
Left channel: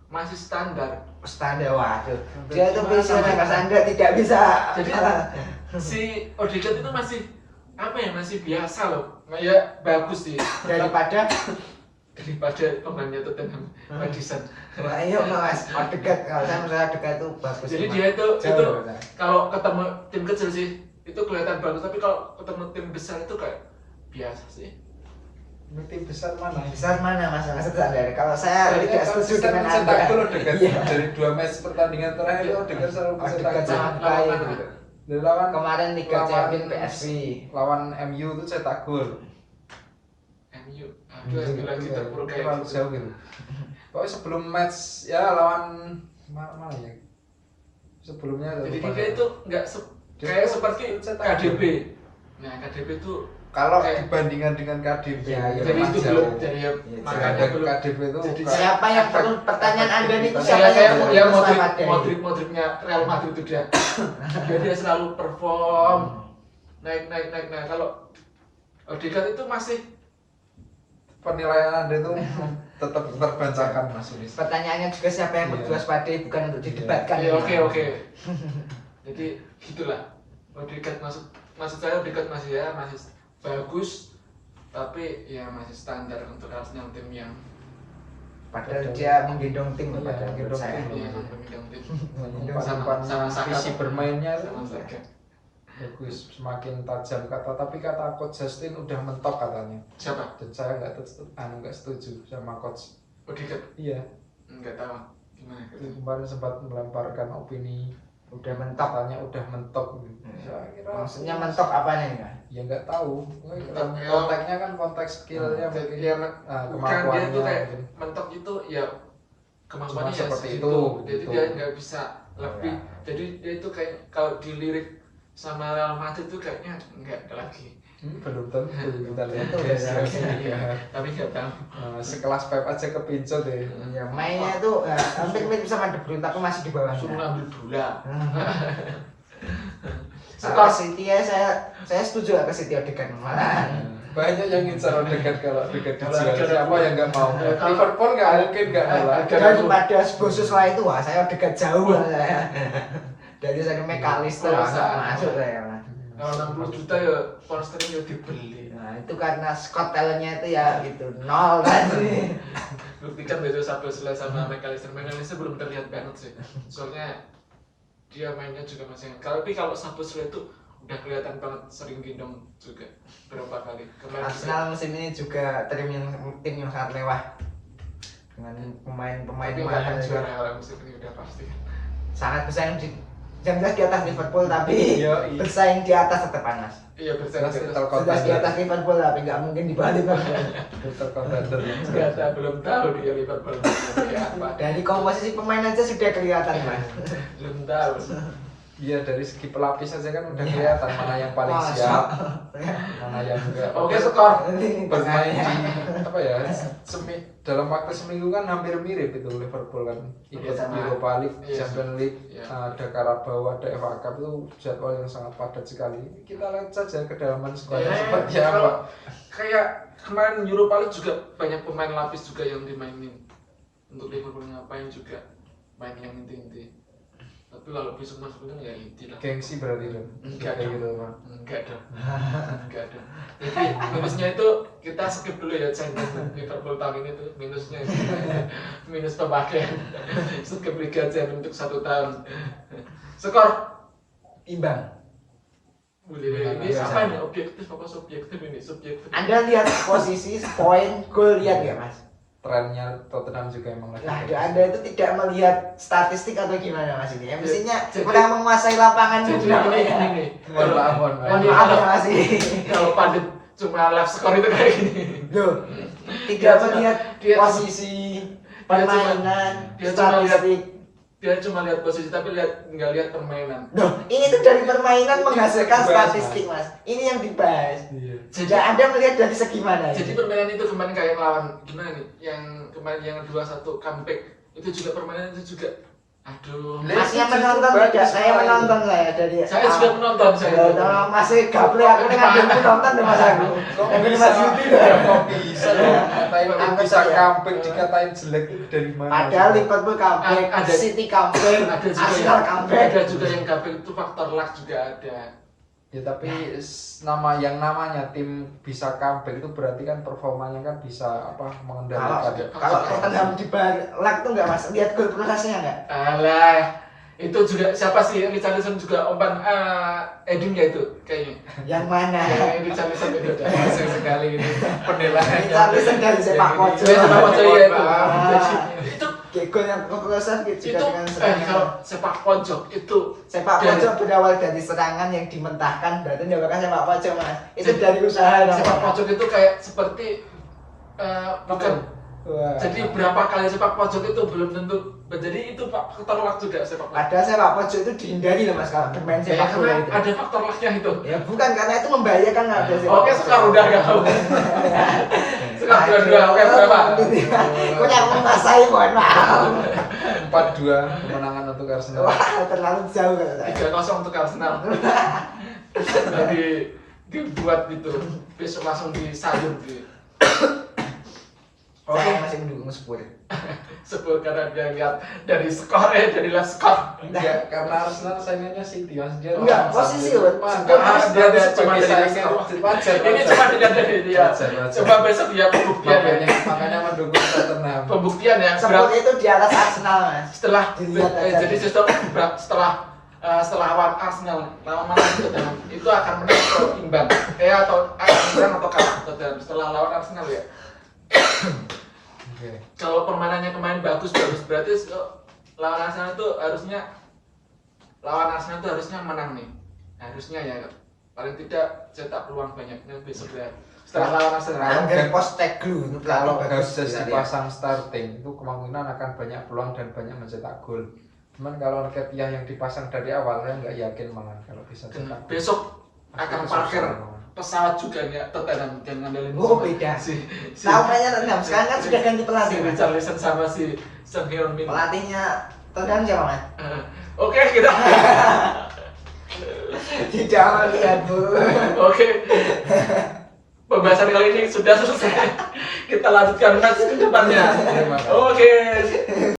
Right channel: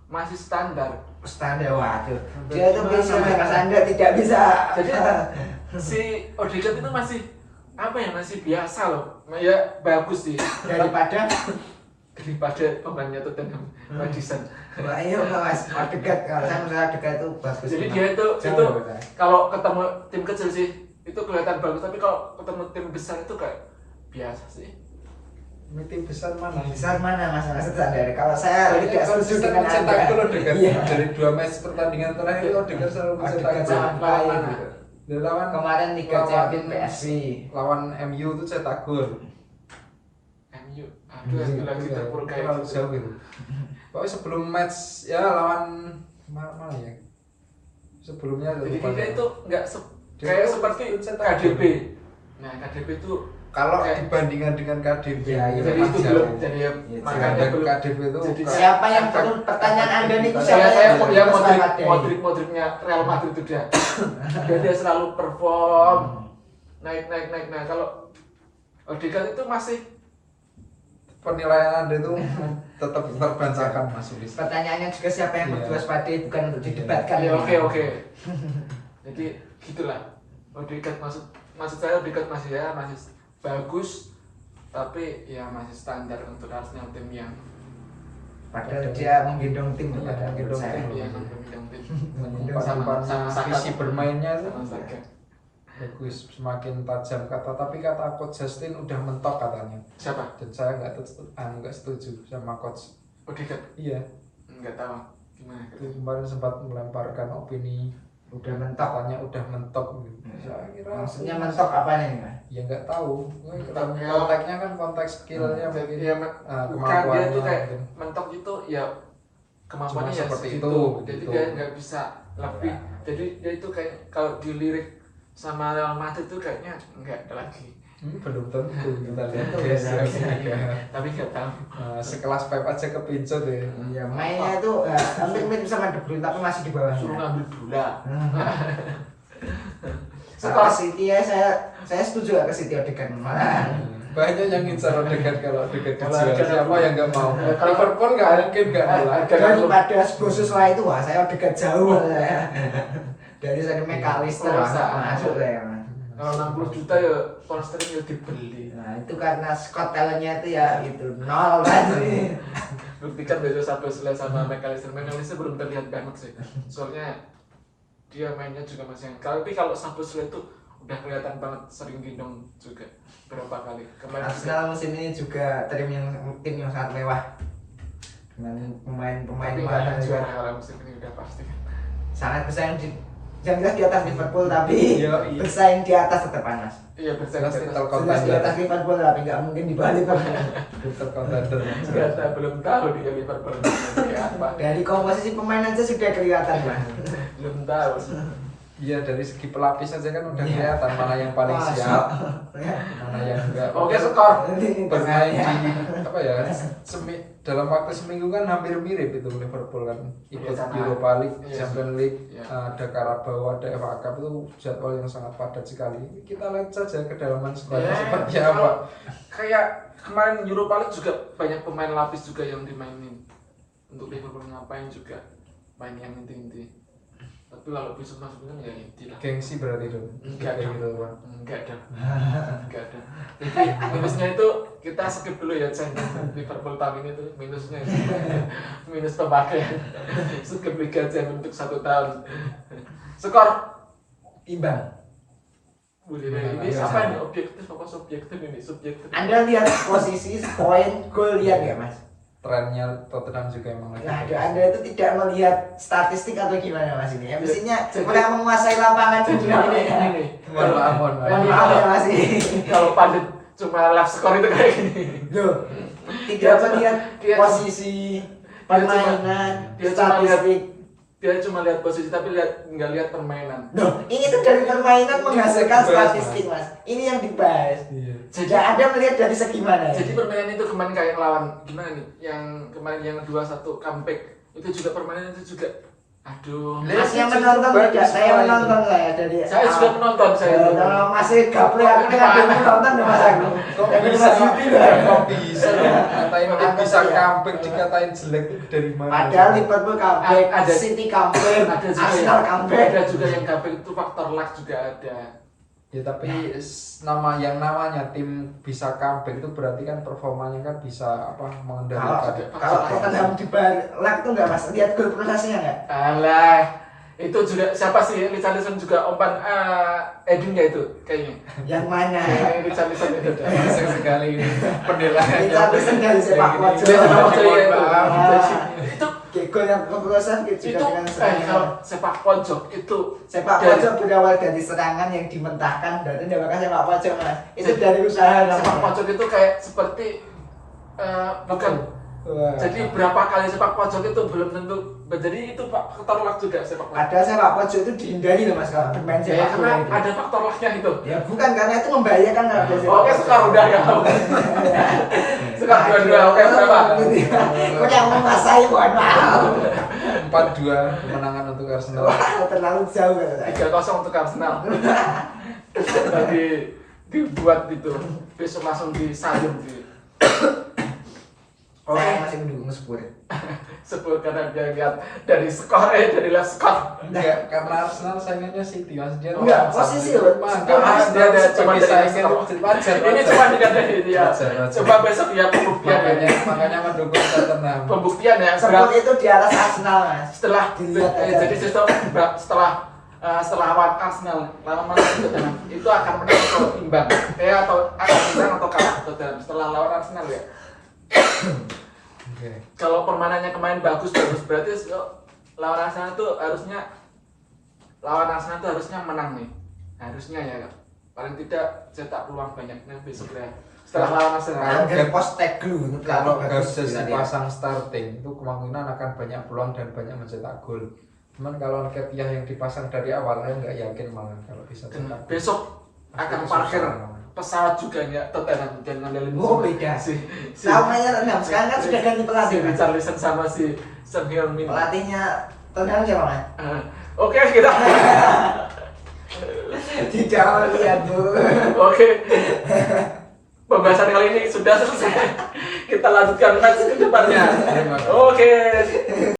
masih standar. Standar waduh. Standar Dia tuh gimana, bisa Mas? Mas Anda tidak bisa. Jadi si Odegaard itu masih masih biasa loh. Ya bagus sih daripada pemainnya Tottenham Madison. wah iya enggak Mas. Odegaard kalau saya menurut Odegaard itu bagus. Jadi Mas. dia itu Jauh lebih bagus. kalau ketemu tim kecil sih itu kelihatan bagus, tapi kalau ketemu tim besar itu kayak biasa sih. Ini tim besar mana? Besar mana Mas Anda? Kalau saya Soalnya tidak setuju konsisten dengan mencetak Anda. gol Odegaard. Iya. Dari 2 match pertandingan terakhir itu Odegaard selalu mencetak Odegaard gol. sangat Lawan baik mana? gitu. Dari lawan Kemarin Liga lawan- Champions PSV. lawan MU itu cetak gol. MU, aduh yang bilang kita pur kayak terlalu gitu. jauh gitu. Pokoknya sebelum match ya lawan mana ya? Sebelumnya Jadi lupa dia saya. itu nggak Dia kayak itu seperti cetak KDB. gol. Nah KDB itu Kalau kayak- dibandingkan dengan KDB Ya, itu jadi memang itu jauh. belum jadi ya, Iya, makanya Kadang belum. KDB itu Jadi kayak Siapa yang efek- perlu pertanyaan Anda nih efektivitas. siapa Saya kayak yang ya selamat dari? Modricnya Real Madrid itu dia selalu perform naik. Nah kalau Odegaard itu masih penilaian Anda itu tetap terbantahkan Mas Ulis. Pertanyaannya juga siapa yang Iya. perlu waspadai bukan untuk didebatkan. ya ini. oke. Jadi gitulah. Odegaard maksud saya Odegaard masih bagus, tapi ya masih standar untuk Arsenal tim yang Padahal dia menggendong tim Iya, padahal menurut menggendong saya. tim. Iya, menggendong tim. Umpan-umpannya, sama visi Saka. bermainnya itu Sama Saka. bagus, semakin tajam tapi kata coach Justin udah mentok katanya. Siapa? Dan saya nggak setuju sama coach. Odegaard? Iya, Nggak tahu. Gimana? itu kemarin sempat melemparkan opini Udah mentok. katanya udah mentok. Saya kira Maksudnya mentok apanya nih Mas? ya nggak tahu. Mentok, ya. Konteksnya kan konteks skillnya mungkin. Ya, bukan dia Kemampuannya tuh kayak mungkin. mentok itu ya kemampuannya Cuma ya seperti segitu. itu, Jadi gitu. dia nggak bisa lebih. Ya. Jadi dia itu kayak kalau dilirik sama Real Madrid itu kayaknya nggak ada lagi. Belum tentu kita lihat Tentu, guys ya. Tapi nggak tahu. sekelas Pep aja kepincut ya. Ya mainnya itu hampir mirip sama De Bruyne tapi masih di bawah. Suruh ngambil bola. Skor City ya saya setuju ke City Odegaard malah. Banyak yang ngincar Odegaard kalau Odegaard Kalau dijual. Odegaard Siapa yang nggak mau? Kalau- Liverpool nggak mungkin nggak nolak. Daripada Bosus lah itu wah saya Odegaard jauh malah. Dari saya McAllister Oh, masuk saya. Mas. Kalau 60 juta ya pound sterling ya dibeli. Nah itu karena Scott talentnya itu ya gitu nol tadi. Buktikan besok Szoboszlai sama McAllister belum terlihat banget sih. Soalnya dia mainnya juga masih. Tapi kalau Szoboszlai itu udah kelihatan banget sering gendong juga berapa kali. Kemarin juga Arsenal musim ini juga tim yang sangat mewah dengan pemain-pemain tapi nggak akan mahal juara juga. kalau musim ini udah pasti kan. Sangat bersaing yang jelas di atas Liverpool tapi Iya, iya. bersaing di atas tetap panas. Iya bersaing Jelas di title atas. Sudah di contender. atas Liverpool tapi nggak mungkin di bawah Liverpool. Title contender. Nggak tahu, belum tahu dia Liverpool kayak apa. Dari komposisi pemain aja sudah kelihatan Mas. Belum tahu. Iya dari segi pelapis aja kan udah kelihatan mana yang paling Masa. siap, mana yang enggak. Oke, skor. Bermain di apa ya? Dalam waktu seminggu kan hampir mirip itu Liverpool kan ikut Sama. Europa League, Iya. Champions League, Iya. ada Carabao, ada FA Cup itu jadwal yang sangat padat sekali. Kita lihat saja kedalaman skuadnya seperti apa. kalau kayak kemarin Europa League juga banyak pemain lapis juga yang dimainin. Untuk Liverpool ngapain juga main yang inti-inti. Tapi kalau besok masuknya ya inti lah. Gengsi berarti dong. Enggak Kayak dong. gitu Pak. Enggak dong. Enggak dong. Jadi minusnya itu kita skip dulu ya Champions Liverpool tahun ini tuh minusnya itu. Minus pemakaian. Skip Liga Champions untuk 1 tahun. Skor. Imbang. Boleh ini Biasa. apa ini objektif apa subjektif ini? Subjektif. Anda lihat posisi poin gol lihat nggak Mas? Trennya Tottenham juga emang lagi Nah, bagus. Anda itu tidak melihat statistik atau gimana Mas ini? Ya, mestinya Jadi- kurang menguasai lapangan Jadi juga. ini. Mohon maaf, mohon maaf. Mohon maaf ya Mas ini. Kalau Pandit cuma live skor itu kayak gini. Loh, Dia tidak cuma- melihat dia cuma- posisi permainan, dia cuma lihat- statistik. Dia cuma lihat posisi tapi nggak lihat permainan. Loh, ini tuh dari permainan menghasilkan dibahas, statistik Mas. Ini yang dibahas. Iya. Jadi Jadi Anda melihat dari segi mana ya? Jadi permainan itu kemarin kayak lawan gimana nih? Yang kemarin yang 2-1 comeback itu juga permainan itu juga aduh. Masnya Justru menonton bagus tidak? Saya malah menonton saya dari Saya juga menonton saya. Kalau masih gaple aku nih ada yang menonton deh Mas aku. Kok Dari bisa? Mas Yuti loh. Kok bisa loh? Katain tim Anggap bisa ya. comeback dikatain jelek itu dari mana? Padahal Liverpool comeback, Ada- City comeback, Ada juga Arsenal yang comeback. ada juga yang comeback itu faktor luck juga ada. Ya tapi namanya tim bisa comeback itu berarti kan performanya kan bisa apa mengendalikan. Kalau Tottenham di luck tuh enggak Mas? Lihat gol prosesnya enggak? Alah, itu juga siapa sih Richarlison juga umpan Edinnya itu kayaknya. Yang mana? Richarlison itu udah. Masuk sekali ini penilaian. Richarlison dari sepak pojok. Dia sepak pojok ya itu. Maaf. Itu Kayak gol yang keprosesan gitu juga itu dengan serangan. kalau sepak pojok itu Sepak dari- pojok berawal dari serangan yang dimentahkan, berarti dinamakan sepak pojok Mas. Itu dari usaha sepak pojok itu kayak seperti bukan. Wah. Jadi berapa kali sepak pojok itu belum tentu. Jadi itu Pak faktor luck juga sepak pojok. Padahal sepak pojok itu dihindari loh Mas kalau bermain Ya, sepak bola karena itu. ada faktor lucknya itu. Ya bukan karena itu membahayakan kalau dia sepak Oke, pojok. sekarang udah ya. Sekarang dua-dua, oke berapa? Kau yang menguasai mohon maaf. 4-2 kemenangan untuk Arsenal. Wah terlalu jauh kan. 3-0 untuk Arsenal. Tadi dibuat gitu, besok langsung disayun di. Saya masih mendukung Spurs. Spurs karena dia lihat dari skor dari lihat skor. Enggak, karena Arsenal saingannya City Mas. Dia Enggak, posisi loh. Enggak, Mas, dia ada cuma saingan wajar. Ini cuma tidak dari dia. Wajar. Coba besok ya pembuktian Makanya mendukung Tottenham. Pembuktian ya. Spurs itu di atas Arsenal, Mas. Setelah Dilihat aja. jadi justru setelah lawan Arsenal lawan mana Tottenham itu akan menang atau imbang atau akan menang atau kalah Tottenham setelah lawan Arsenal ya. Oke. Kalau permainannya kemarin bagus berarti lawan Arsenal tuh harusnya menang nih, harusnya ya paling tidak cetak peluang banyak nih besok ya setelah lawan Arsenal. Kalau Postecoglou Kalau bagus Gabses sekali. dipasang starting itu kemungkinan akan banyak peluang dan banyak mencetak gol. Cuman kalau Nketiah yang dipasang dari awal saya nggak yakin malah kalau bisa cetak gol. Besok akan Pasti parkir susah malah. pesawat juga ya Tottenham dan ngandelin Oh, beda. si Tahunnya Tottenham sekarang kan sudah ganti pelatih. si Richarlison sama si Son Heung-min. Pelatihnya Tottenham siapa, Mas? Oke, kita Tidak lihat, Bu. oke. Pembahasan kali ini sudah selesai. Kita lanjutkan match ke depannya. Terima kasih. Oke.